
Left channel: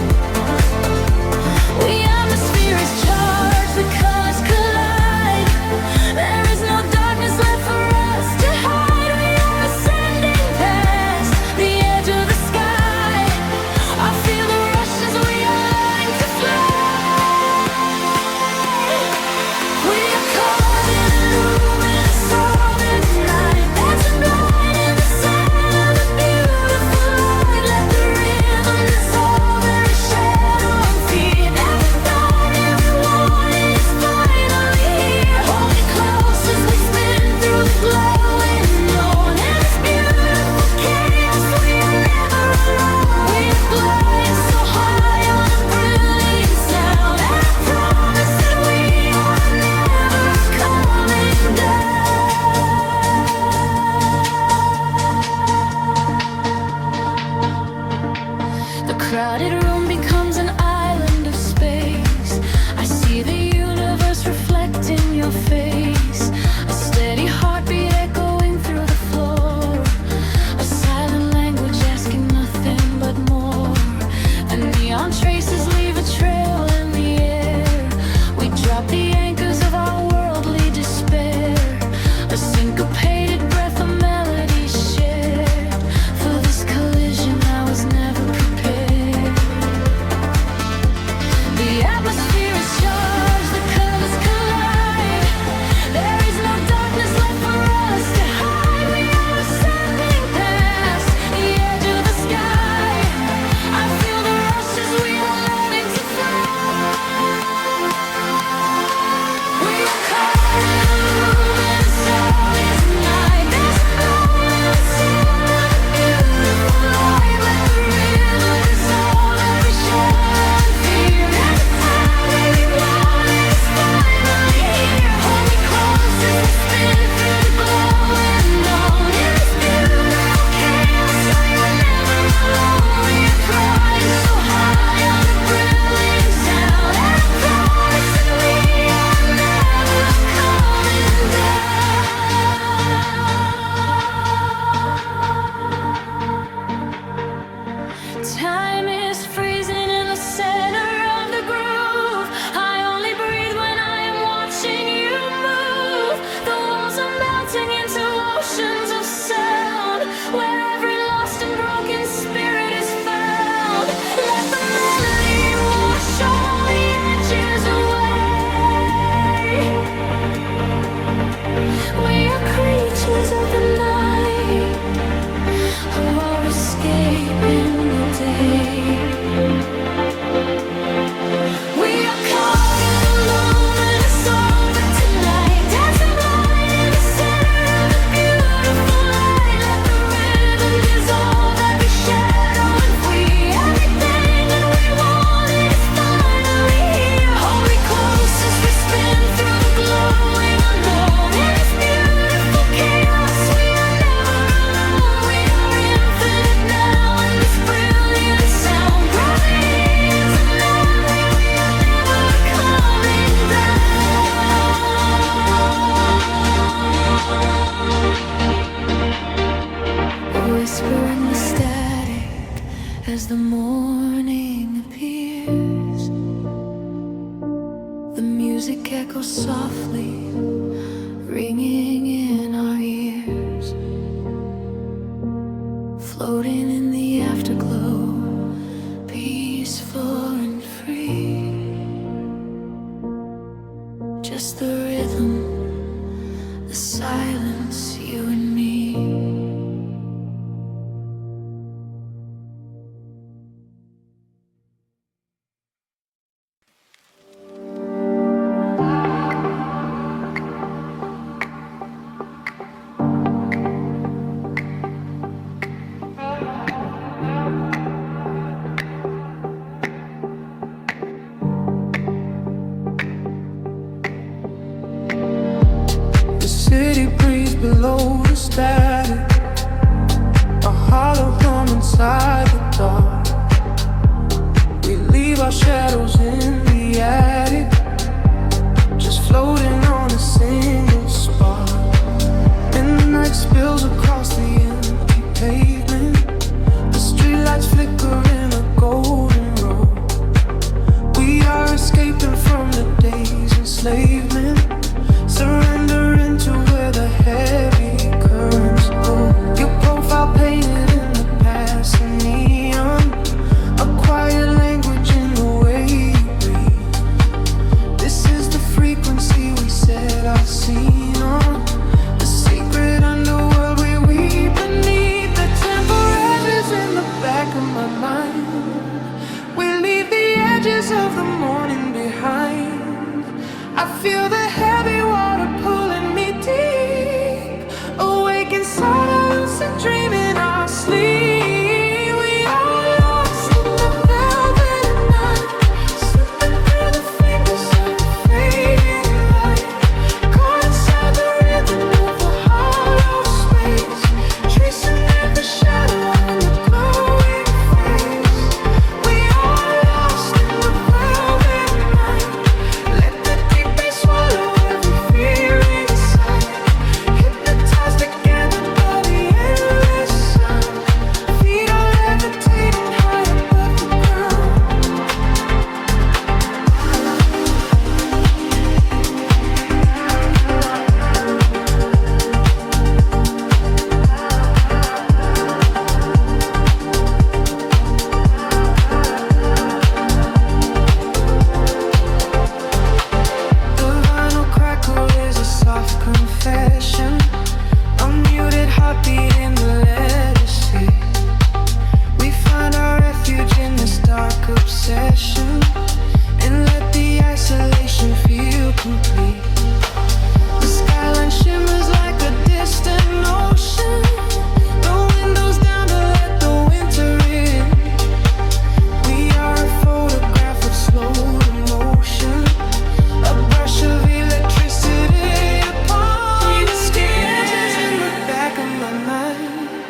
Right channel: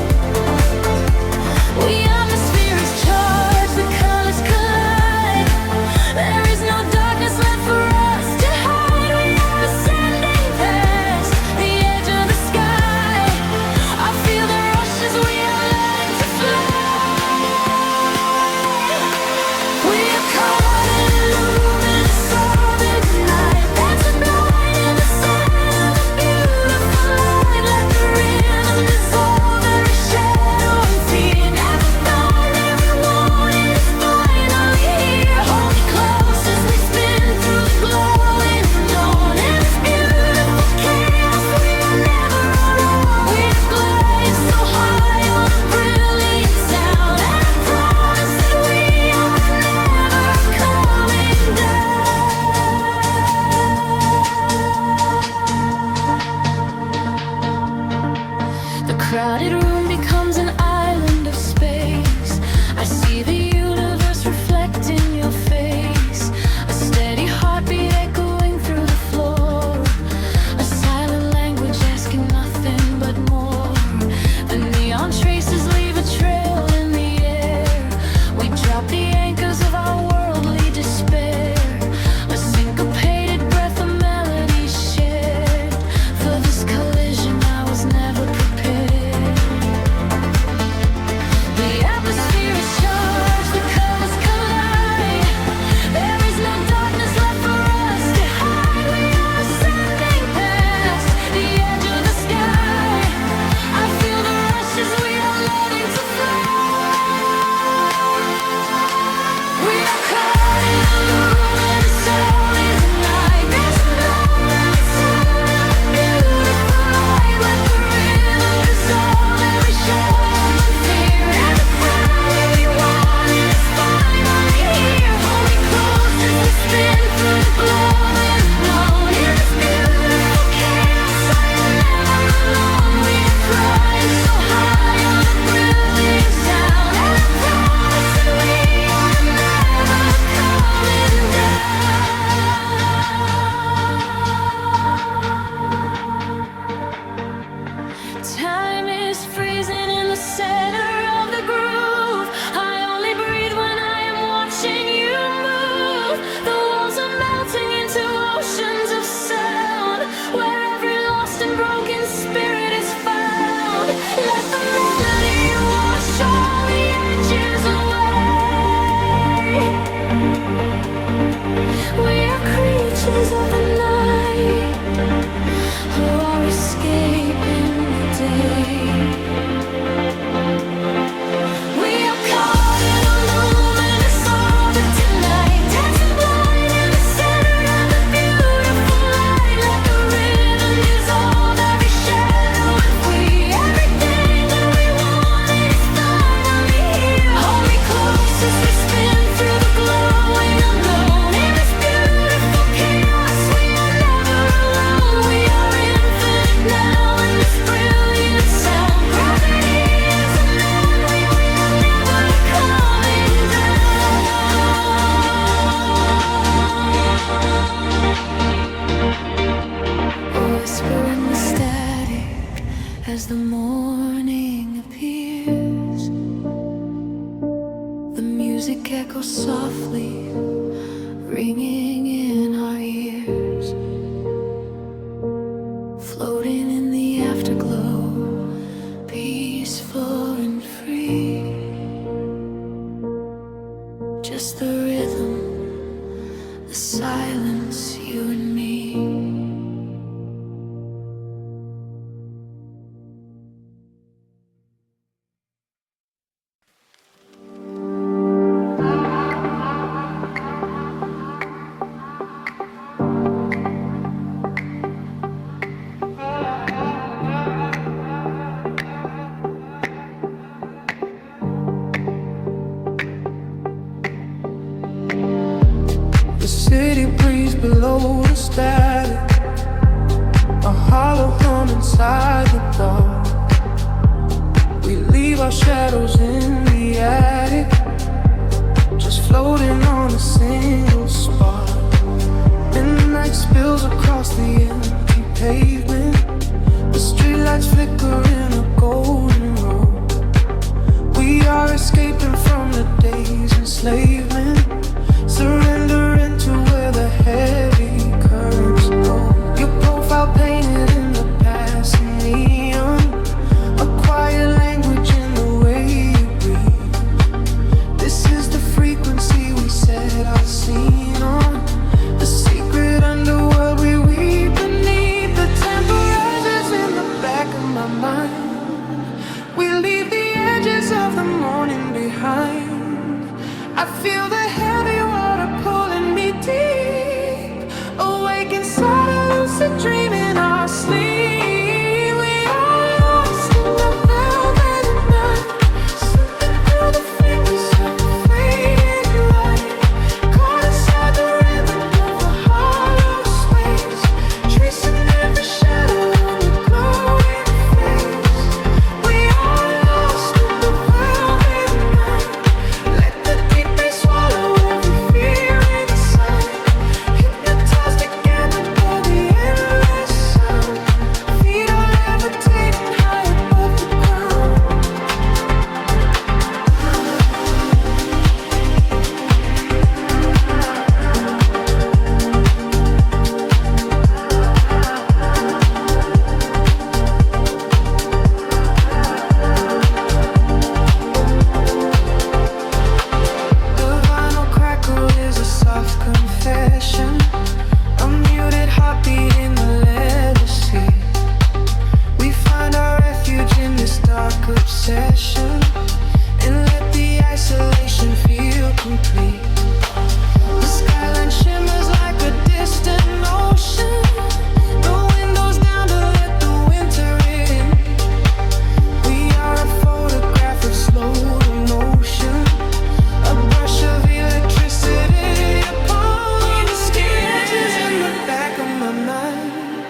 music echoes softly, ringing in our ears, floating in the afterglow, peaceful and free. Just the rhythm, the silence, you and me. The city breeze below the static, a hollow hum inside the dark. We leave our shadows in the attic, just floating on a single spark. Midnight spills across the empty pavement, the streetlights flicker in a golden row. We are escaping from the day's enslavement, surrendering to where the heavy currents go. Your profile painted in the passing neon, a quiet language in the way you breathe. This is the frequency we set our scene on, the secret underworld we weave beneath. The temperatures in the back of my mind, we leave the edges of the morning behind. I feel the heavy water pulling me deep, awake inside a lucid dream in our sleep. We are lost in the velvet night, slipping through the fingers of the fading light, caught inside the rhythm of the hollow space, tracing every shadow on your glowing face. We are lost in the velvet night, let the deep bass swallow every fear inside, hypnotized together by the endless sound. Feet are levitating high above the ground. The vinyl crackle is a soft confession, a muted heartbeat in the letter C. We find our refuge in this dark obsession, and let the isolation feel complete. The skyline shimmers like a distant ocean, the windows down to let the winter in. We are a photograph of slow emotion, a brush of electricity upon the sketches in the back of my mind.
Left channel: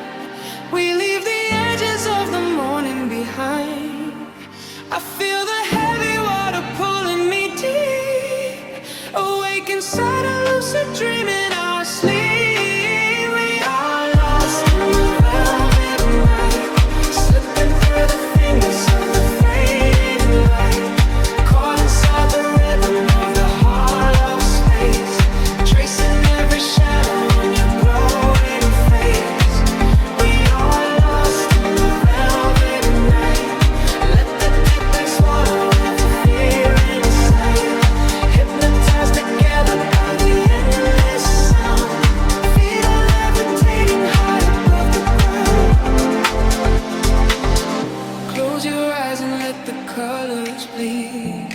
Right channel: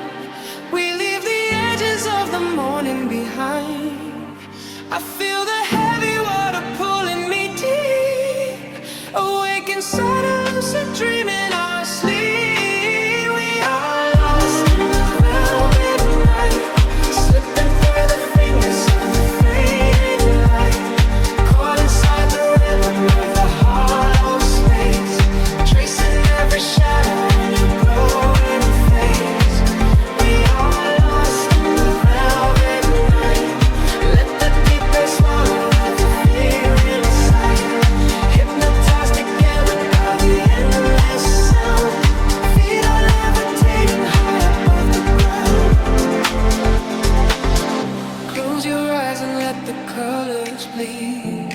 We leave the edges of the morning behind. I feel the heavy water pulling me deep, awake inside a lucid dream in our sleep. We are lost in the velvet night, slipping through the fingers of the fading light, caught inside the rhythm of the hollow space, tracing every shadow on your glowing face. We are lost in the velvet night, let the deep bass swallow every fear inside, hypnotized together by the endless sound. Feet are levitating high above the ground. Close your eyes and let the colors bleed.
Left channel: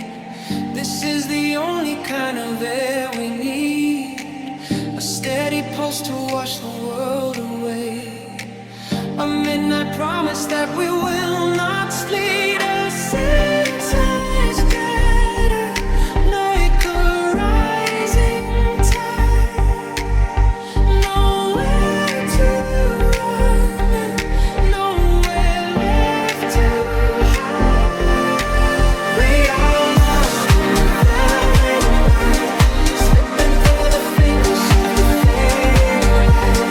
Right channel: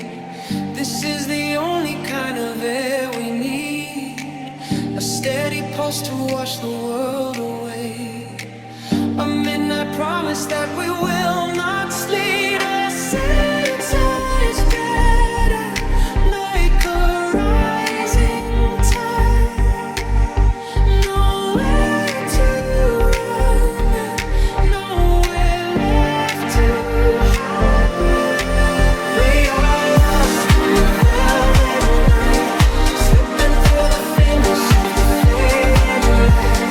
This is the only kind of air we need, a steady pulse to wash the world away, a midnight promise that we will not sleep. A sense scatter like a rising tide, nowhere to run, nowhere left to hide. We are lost in the velvet night, slipping through the fingers of the fading light,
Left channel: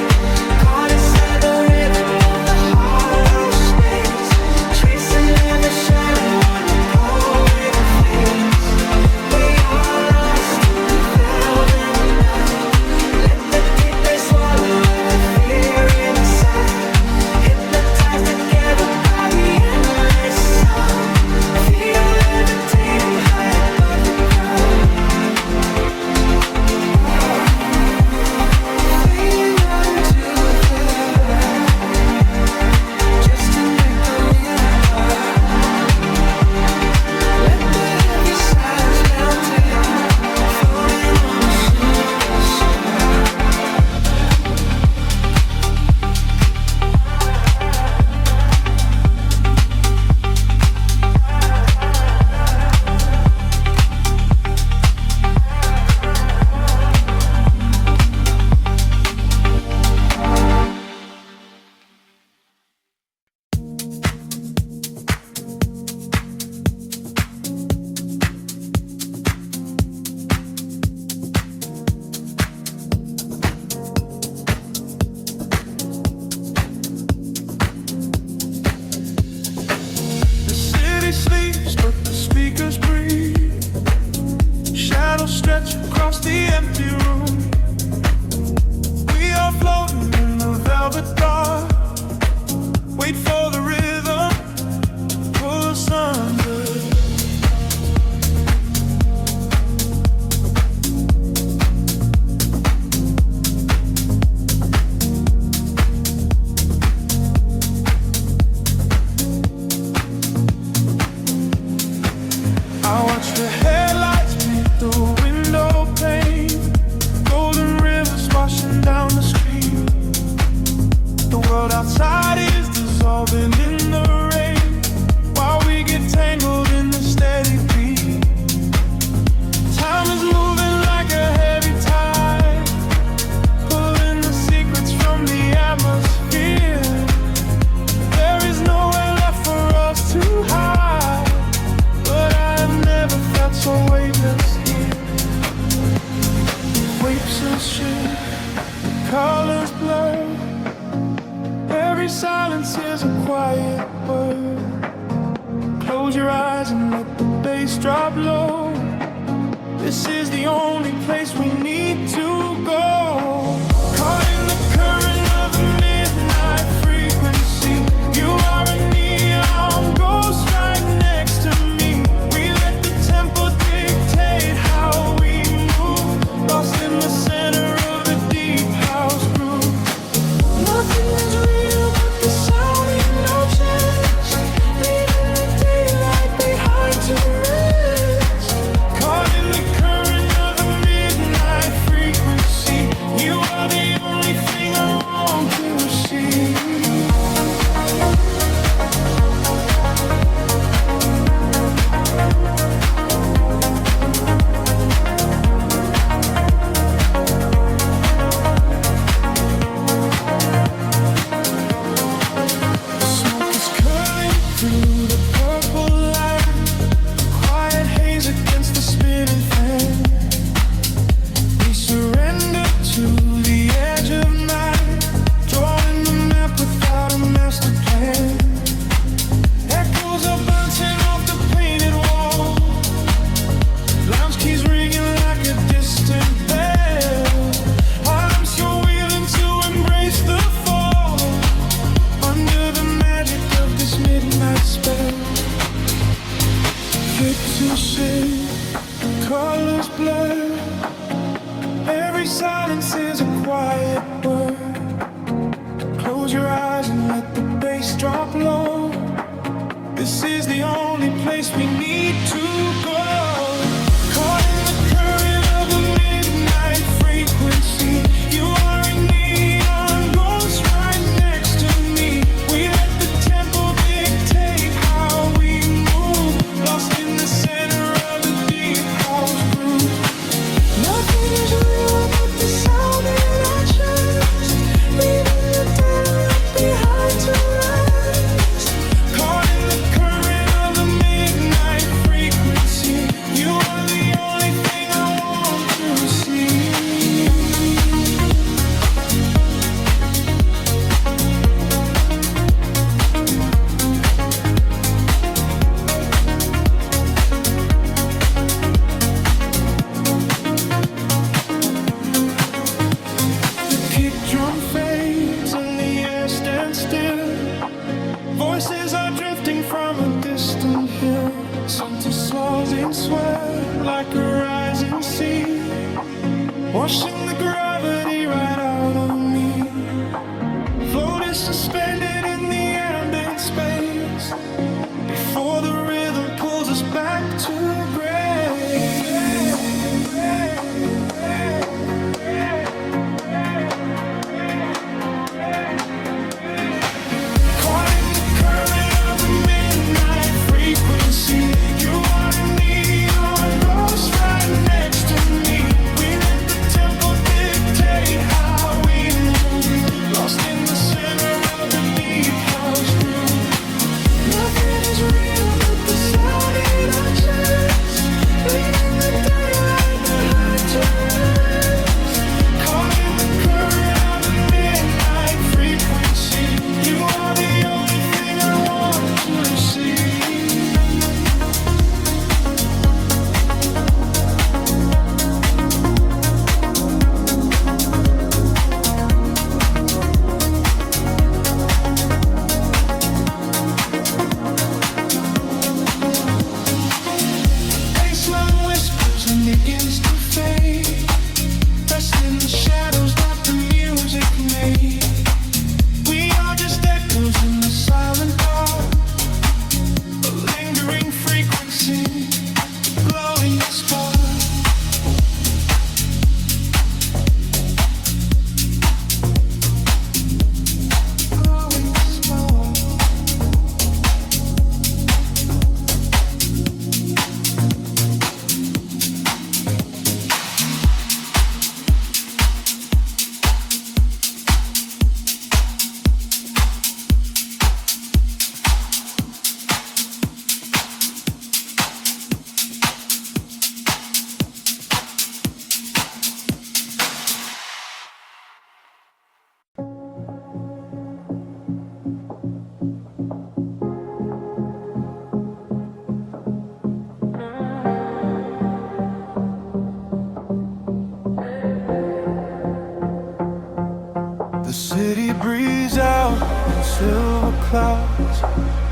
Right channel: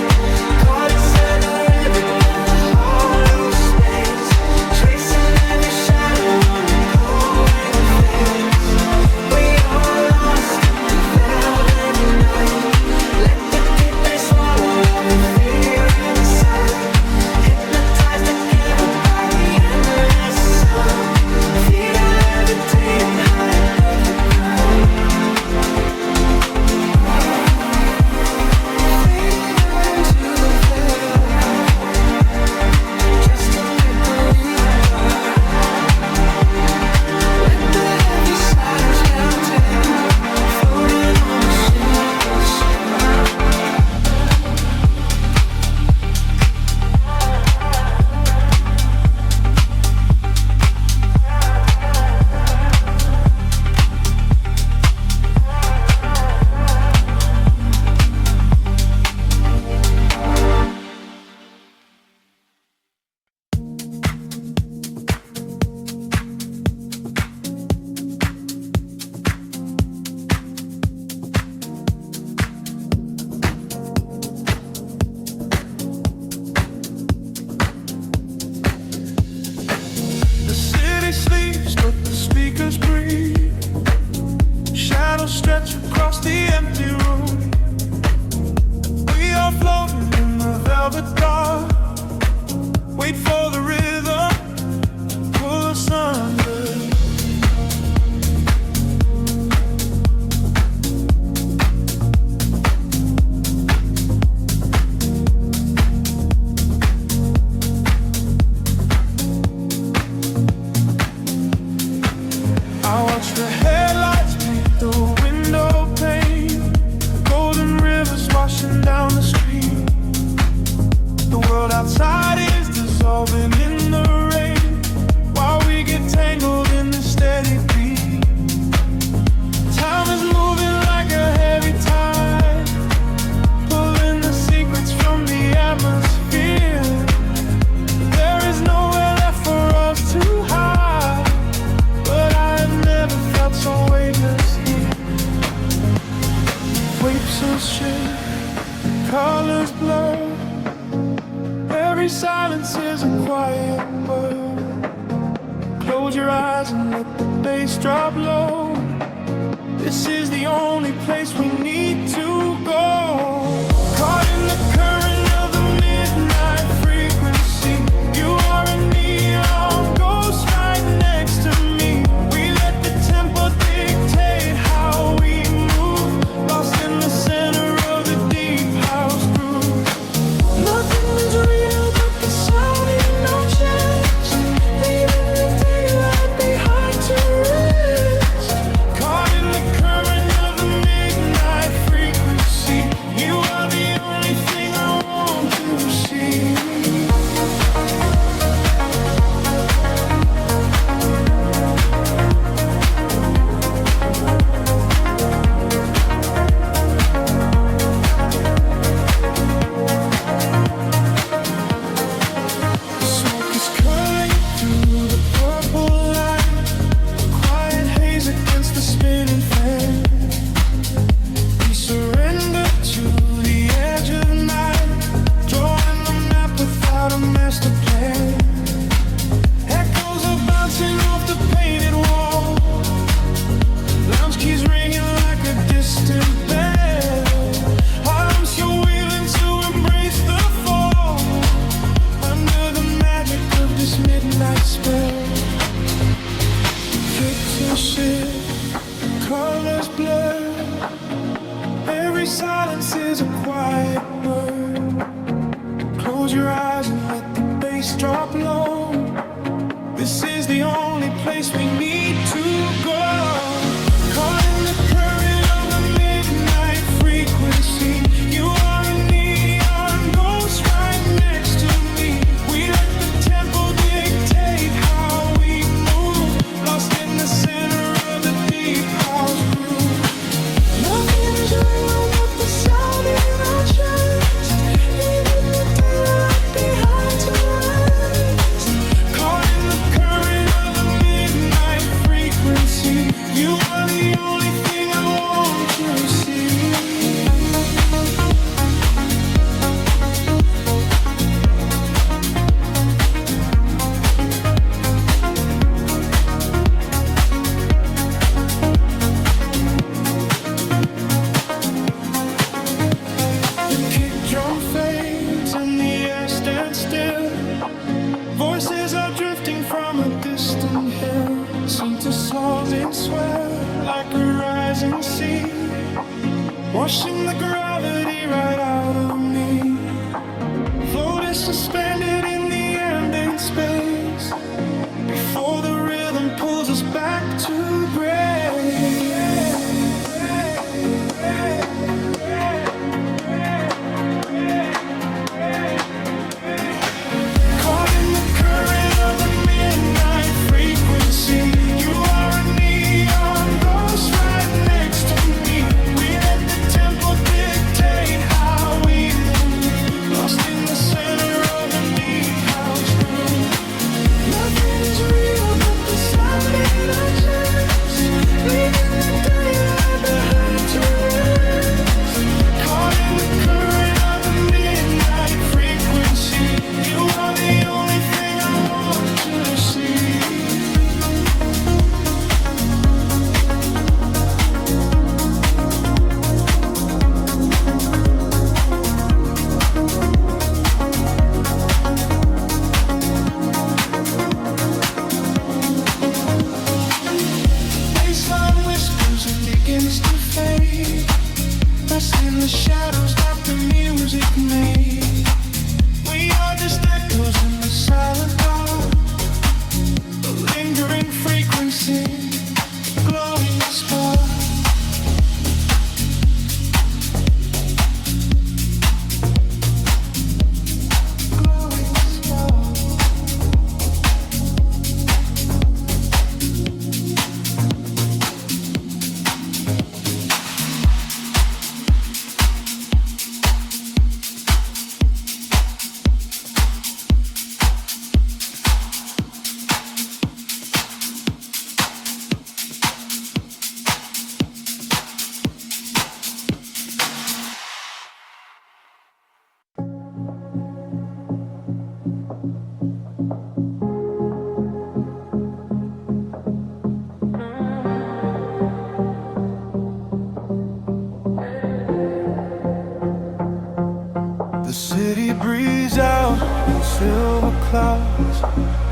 caught inside the rhythm of the hollow space, tracing every shadow on your the empty room. We are floating in the velvet dark. Wait for the rhythm to pull us under. I watch the headlights paint the window pane. Golden rivers washing down the street. The world outside is dissolving in the rain, while we get tangled in the steady beat. Time is moving like a heavy tide, pulling the secrets from the atmosphere. There is nowhere left for us to hide, but I have never felt so weightless here. Waves of shade, colors blur. Every silence is a quiet word. Close your eyes and let the bass drop low. This is the only place we need to go. Caught in the current of the midnight frequency. You are a neon ghost right next to me. We let the tempo dictate how we move, lost in the center of the deep house groove. Nothing is real but the sound in our chest, leaving the daylight behind to rest. Caught in the current of the midnight frequency. You are the only thing I want to see. The smoke is curling through the purple light, a quiet haze against the spinning fan. We surrender to the edge of night, drawing the map without a master plan. Echoes are bouncing off the painted wall, lounge keys ringing like a distant bell. I'm still willing to embrace the fall, under the magic of this midnight spell. Picture shift, colors blur. Every silence is a quiet word. Close your eyes and let the bass drop low. This is the only place we need to go. Caught in the current of the midnight frequency. You are a neon ghost right next to me. We let the tempo dictate how we move, lost in the center of the deep house groove. Nothing is real but the sound in our chest, leaving the daylight behind to rest. Caught in the current of the midnight frequency. You are the only thing I want to see. The kick drum fades and the air stands still. Voices are drifting from a distant hill, seem to slow in sweat like a rising sea, washing the gravity right out of me. Float is suspended in the ambient space, before the rhythm pulls us back to grace. Caught in the current of the midnight frequency. You are a neon ghost right next to me. We let the tempo dictate how we move, lost in the center of the deep house groove. Nothing is real but the sound in our chest, grows and begins to fade, rest in the shadows that the music made. We are just echoes in the silent dark, a lingering frequency, a glowing spark. The city breathes out in silver clouds,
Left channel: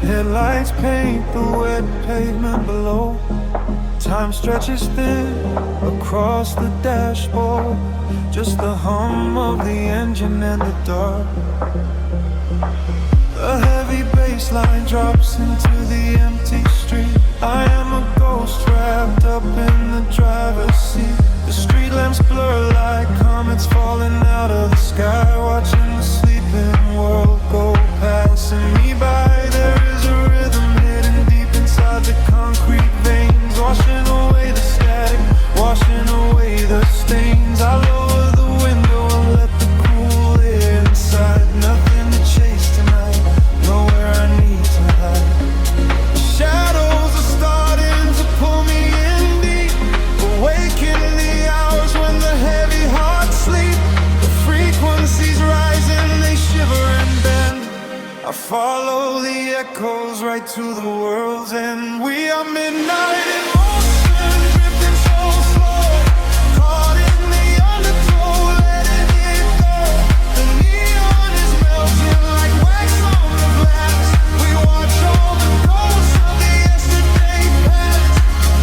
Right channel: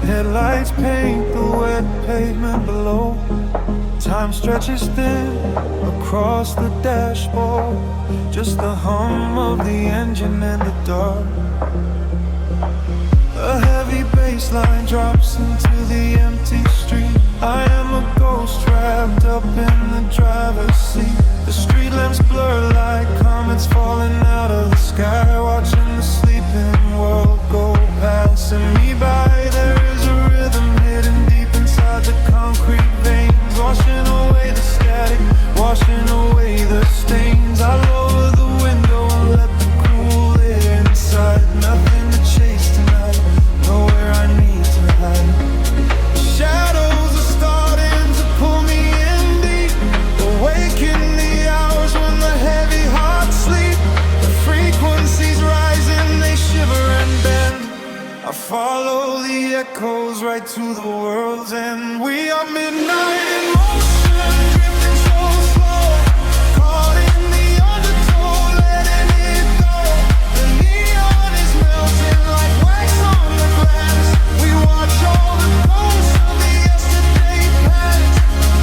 headlights paint the wet pavement below. Time stretches thin across the dashboard, just the hum of the engine in the dark. A heavy bass line drops into the empty street. I am a ghost wrapped up in the driver's seat. The street lamps blur like comets falling out of the sky, watching the sleeping world go passing me by. There is a rhythm hidden deep inside the concrete veins, washing away the static, washing away the stains. I lower the window and let the cool air inside. Nothing to chase tonight, nowhere I need to hide. Shadows are starting to pull me in deep, awaken the hours when the heavy hearts sleep. The frequencies rising, they shiver and bend. I follow the echoes right to the world's end. We are midnight in motion, drifting so slow, caught in the undertow, letting it go. The neon is melting like wax on the glass. We watch all the ghosts of the yesterday past.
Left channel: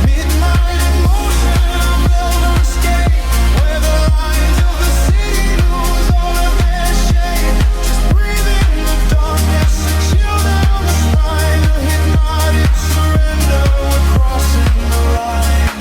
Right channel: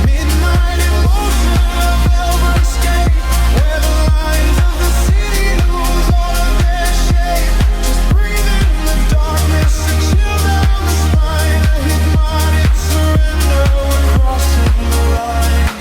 Midnight in motion, a velvet escape, where the lines of the city lose all of their shape. Just breathe in the darkness, a chill down the spine, a hypnotic surrender. We're crossing the line.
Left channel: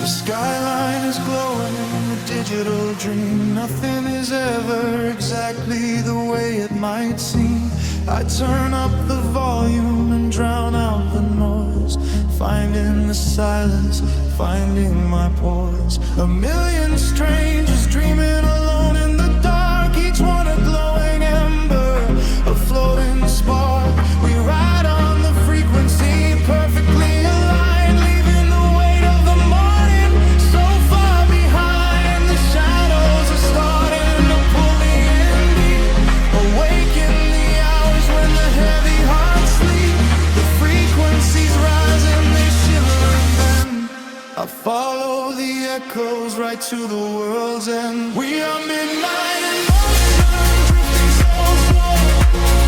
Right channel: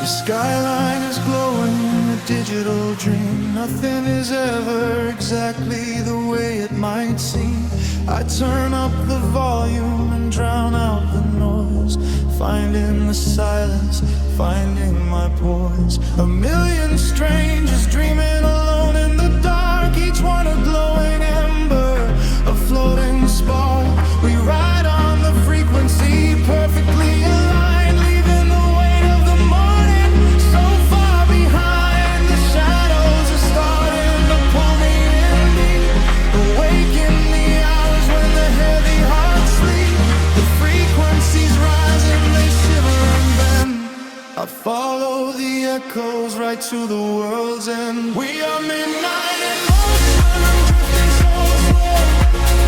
The skyline is glowing, a digital dream. Nothing is ever exactly the way it might seem. I turn up the volume and drown out the noise, finding the silence, finding my poise. A million strangers dreaming alone in the dark, each one a glowing ember, a floating spark. We ride on the frequency, perfectly aligned, leaving the weight of the morning so far behind. The shadows are starting to pull me in deep, awaken the hours when the heavy hearts sleep. The frequencies rise and they shiver and bend. I follow the echoes right to the world's end. We are midnight in motion, drifting so slow,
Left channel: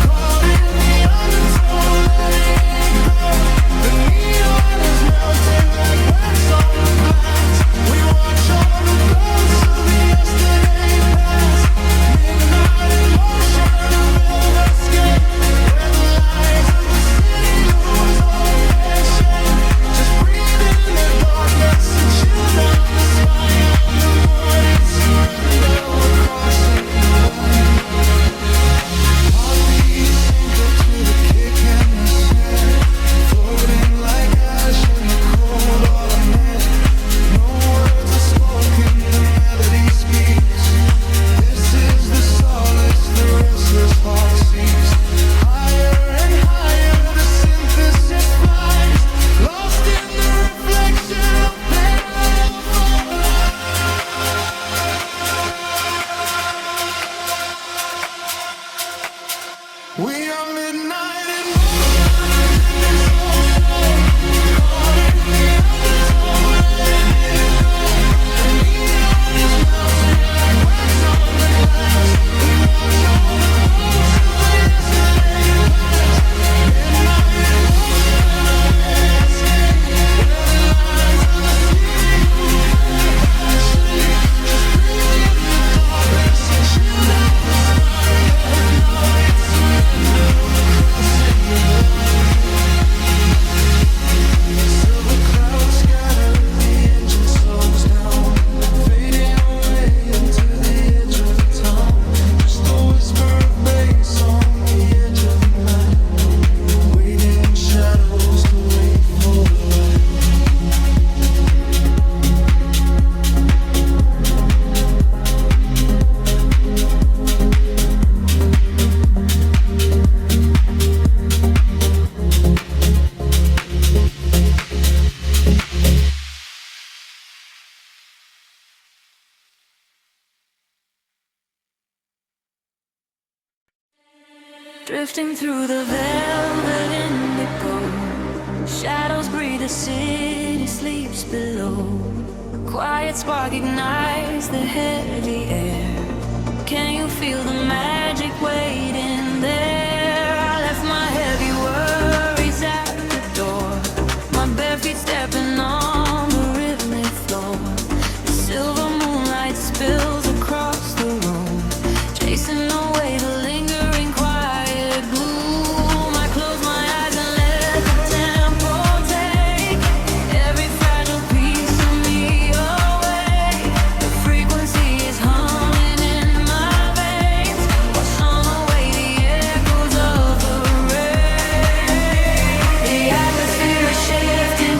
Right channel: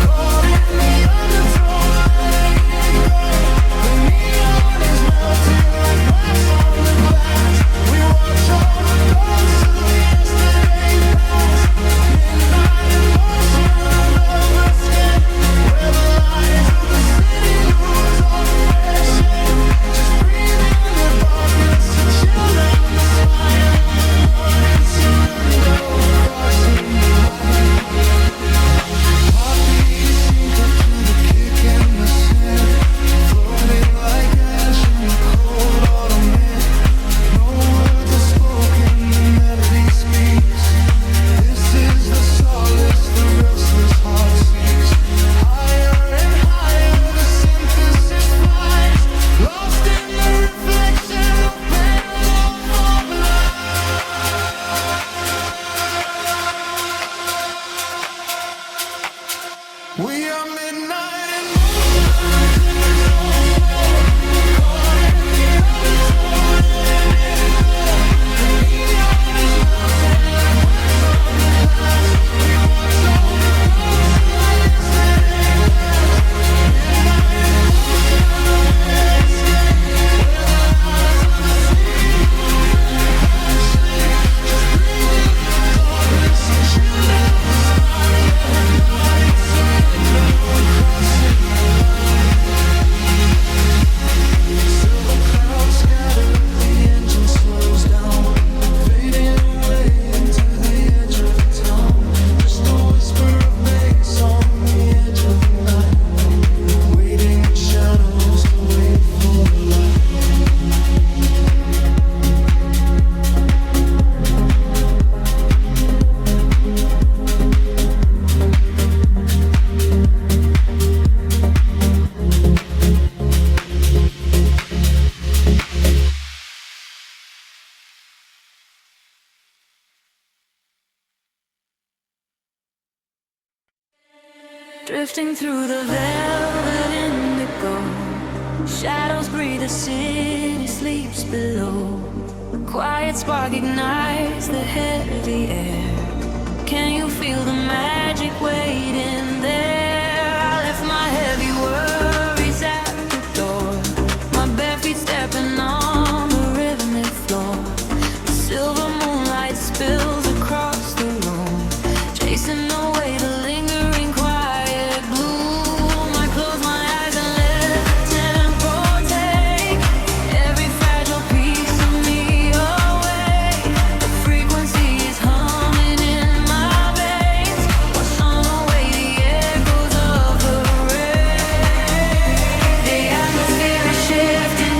caught in the undertow, letting it go. The neon is melting like wax on the glass. We watch all the ghosts of the yesterday past. Midnight in motion, a velvet escape, where the lights of the city lose all of their shape. Just breathe in the darkness, a chill down the spine of the morning surrender. We're crossing the drifting through the velvet indigo. Shadows breathe, the city sleeps below. Quiet spark ignites the heavy air. Can you feel the magic waiting there? I left my heavy worries at the door, my bare feet stepping on the rhythmic floor. The silver moonlight spills across the room, chasing away the lingering quiet gloom. I close my eyes and let the tempo take every fragile piece of me away. The frequency is humming in my veins, washing away the echoes of the rain. The atmosphere is shifting,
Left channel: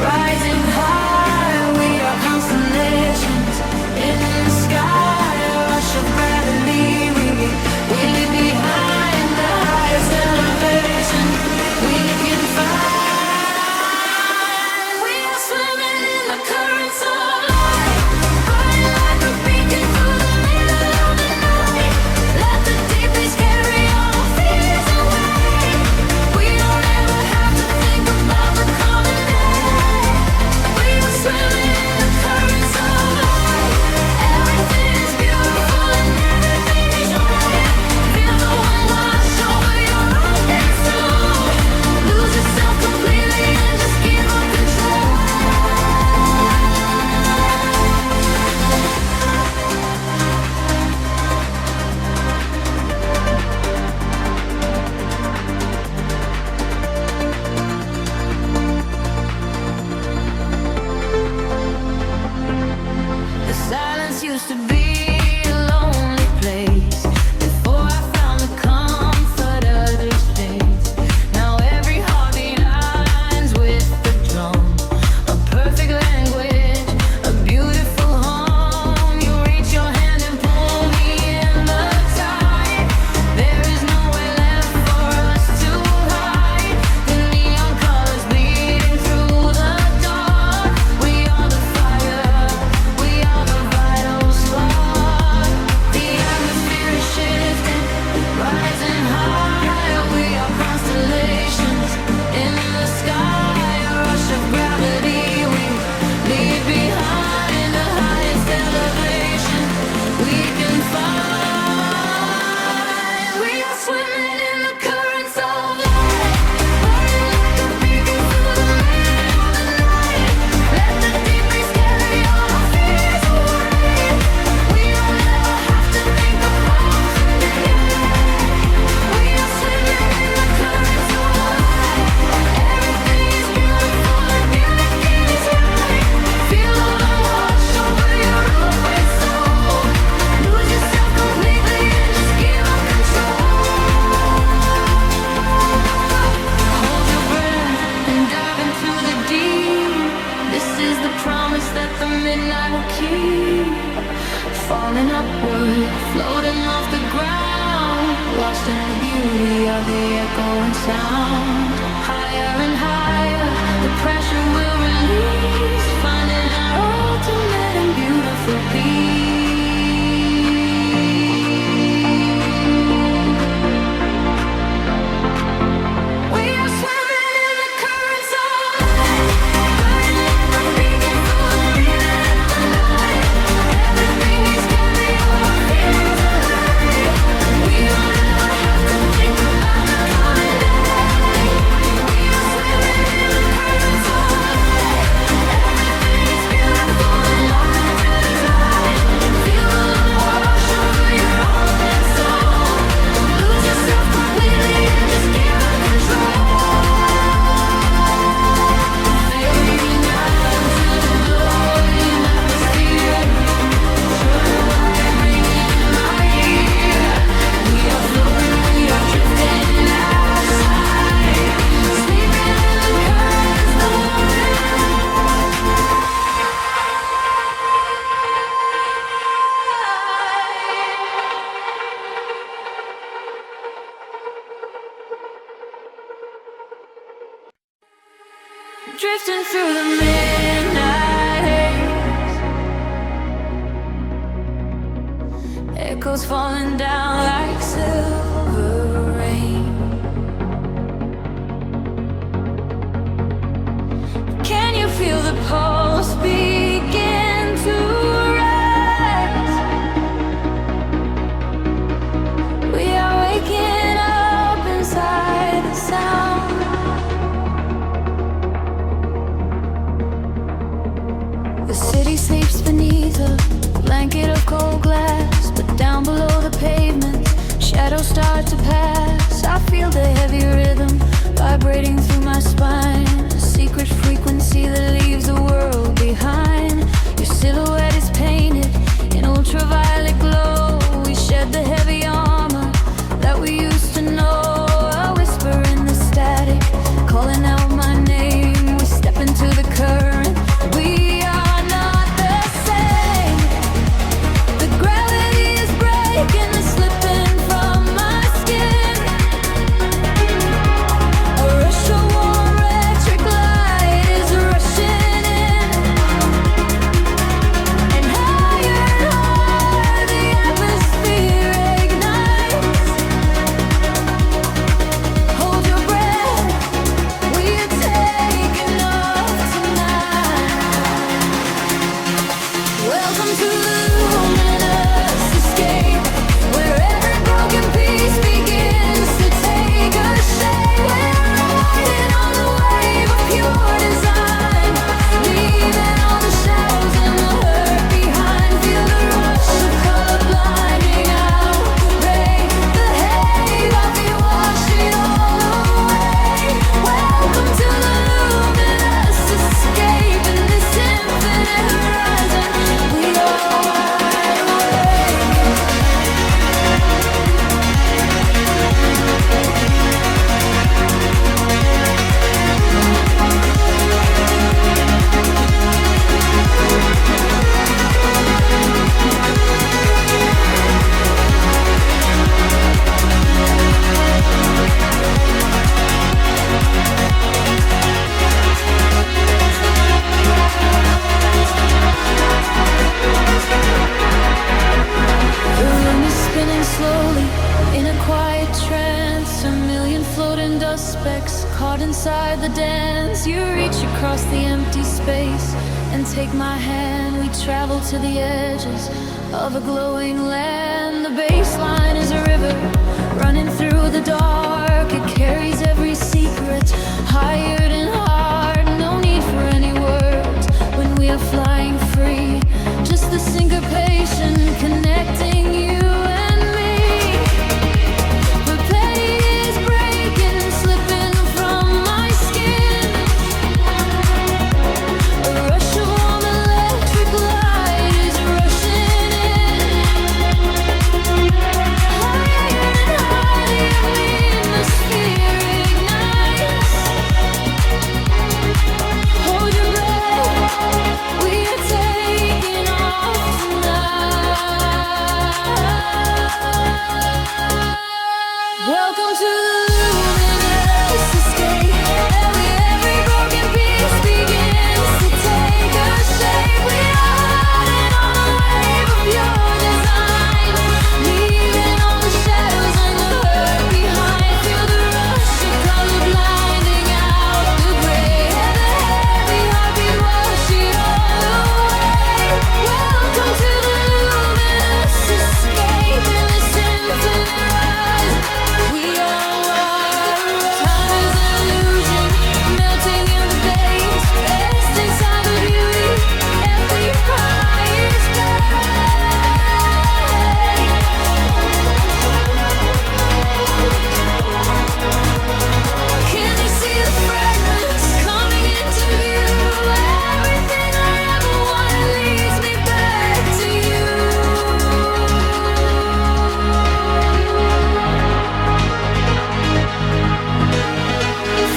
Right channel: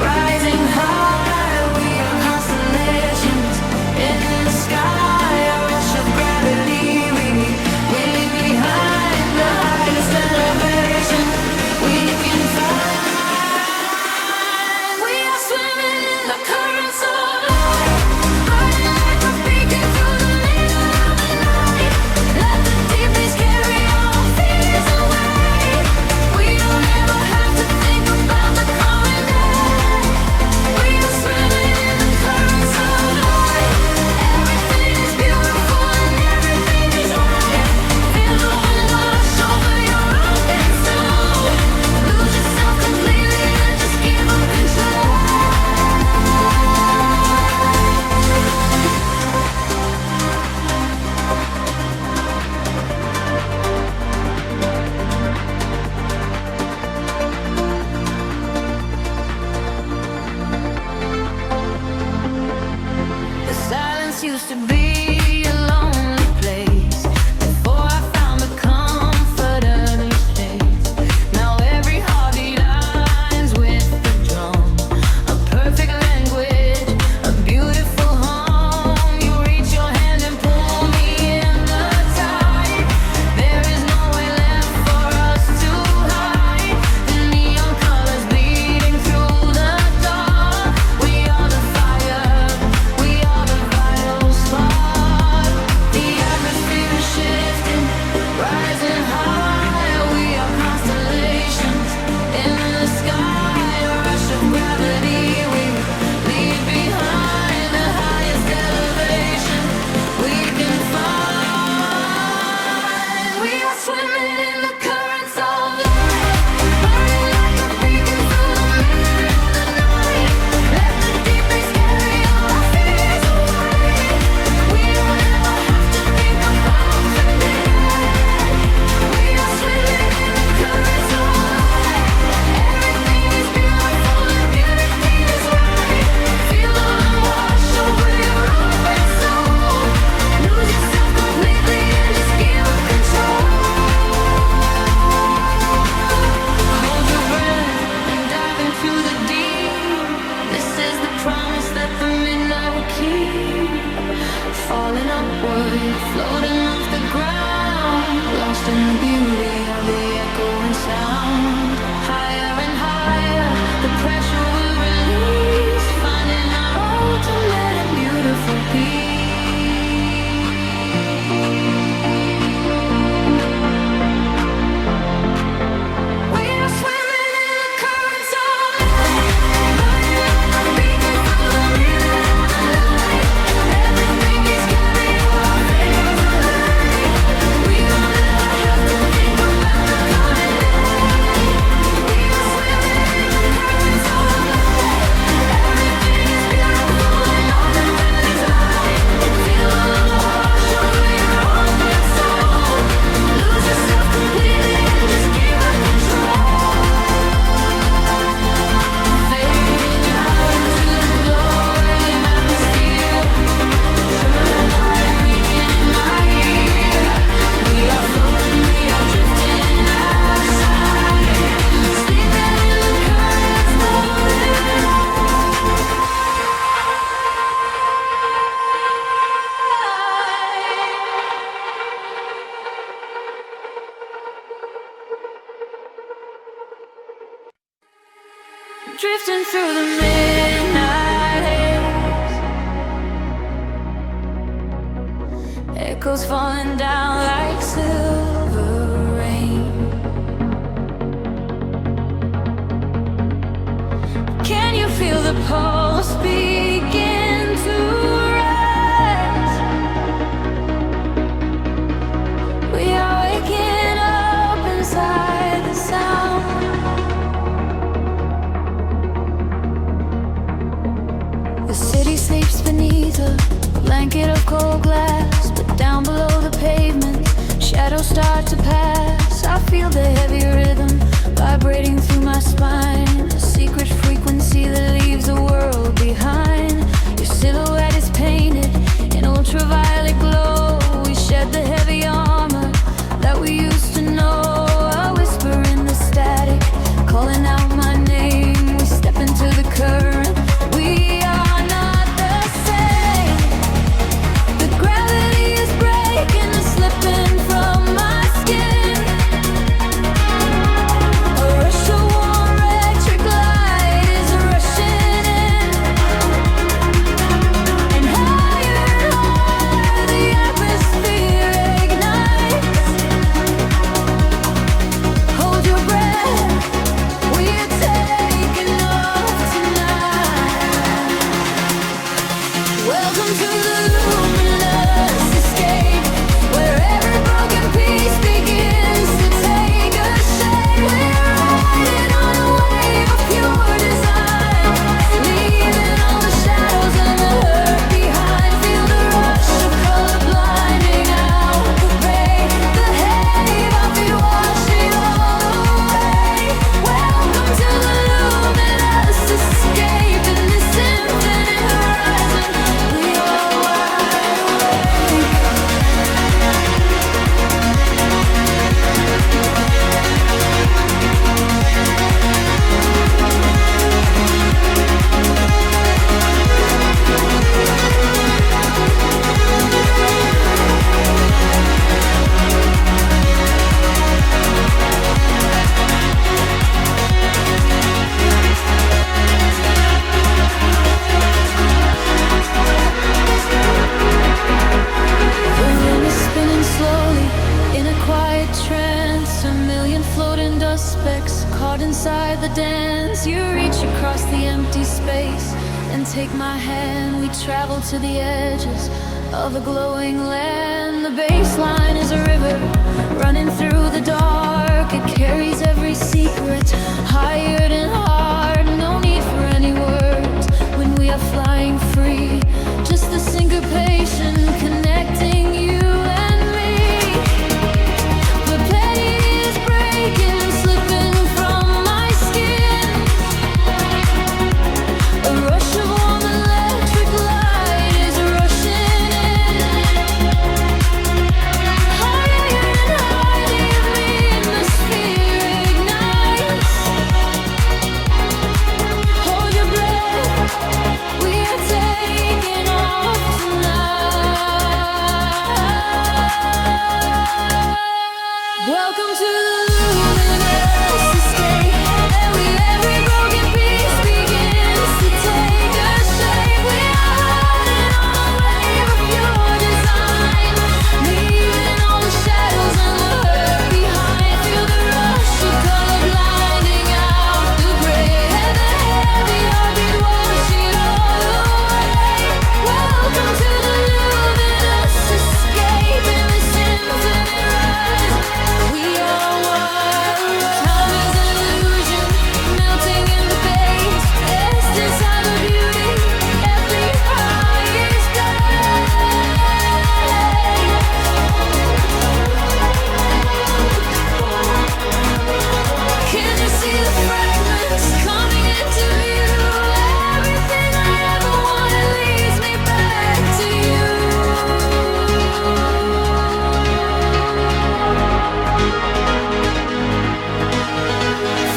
rising high. We are constellations in the sky, a rush of gravity. We leave behind the highest elevation we can find. We are swimming in the currents of light, burning like a beacon through the middle of the night. Let the deep bass carry our fears away. We don't ever have to think about the coming day. We are swimming in the currents of light. Everything is beautiful and everything is right. Feel the wind wash over your open soul. Lose yourself completely and just give up control. The silence used to be a lonely place before I found the comfort of this space. Now every heartbeat aligns with the drum, a perfect language, a beautiful home. You reach your hand and pull me in the tide. There is nowhere left for us to hide. The neon colors bleeding through the dark. We are the fire, we are the vital spark. The atmosphere is shifting, rising high. We are constellations in the sky, a rush of gravity. We leave behind the highest elevation we can find. We are swimming in the currents of light, burning like a beacon through the middle of the night. Let the deep bass carry all our fears away. We don't ever have to think about something yet. We are swimming in the currents of light. Everything is beautiful and everything is right. Feel the wind wash over your open soul. Lose yourself completely and just give up control. Hold your breath and dive into the deep. This is the promise that the midnight will keep. Falling upward, floating off the ground, lost in the beauty of the echoing sound. Higher and higher, the pressure will release, finding our ultimate and beautiful peace. We are swimming in the currents of light, burning like a beacon through the middle of the night. Everything is carried all our fears away. We don't ever have to think about the coming day. We are swimming in the currents of light. Everything is beautiful and all the is right. Feel the wind wash over your open soul. Lose yourself completely and just give up control. Fading out into the glowing atmosphere. Turn the light ringing in my ear. We are floating, we are drifting outside, sleeping in the currents of light. Drifting through the midnight haze, echoes falling down like silver rain. the pulse begin to rise. We are waking up inside the sound. The city sleeps beneath a blanket of cold glass, but down below the pavement, shadows start to pass. I feel the heavy rhythm vibrating through my spine, a secret frequency that leaves the world behind. Your silhouette is painted in ultraviolet glow. We shed the heavy armor that we used to know. A whisper in the static, calling out my name. We step into the current. We are not the same. The gravity is breaking and slipping from my skin. A rush of warm electric light is rushing in, and higher the atmosphere ignites. Hold your breath, we are taking off tonight. Welcome to the luminous escape, where every broken piece begins to take a shape. We're riding on a wave of pure design, leaving all the shadows and the hurt behind. Feel the rush of color blinding out the rain. The haze, our feet wash it all away. Welcome to the luminous escape, in this infinite horizon we are wide awake. The room is spinning slowly in a quiet trance. A million floating dust specks caught inside the dance. You reach across the empty space and take my hand. We travel to the edges of a glowing land. The baseline is a river running through the dark. It carries every secret, hired and hard. No need for any words when we are flying free. Just the syncopation connecting you and me. The petty is breaking, slipping from my skin. A rush of warm electric light is rushing in. Higher and higher the atmosphere ignites. Hold your breath, we are taking off tonight. Welcome to the luminous escape, and every broken piece begins to take a shape. We are riding on a wave of pure design, leaving all the shadows and the hurt behind. Feel the rush of color blinding out the gray, and the heavy heartbeat wash it all away. Welcome to the luminous escape, in this infinite rise we are wide. Time is an illusion, melting in the veins, rest inside the beauty at the highest grade. Can you see the fragments coming into view? Everything I ever wanted leads me back to you.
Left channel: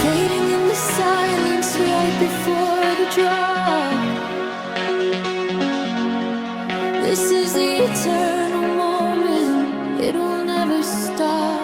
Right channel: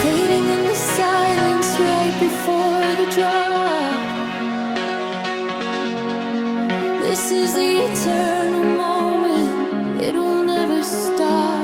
Fading in the silence right before the drop. This is the eternal moment, it will never stop.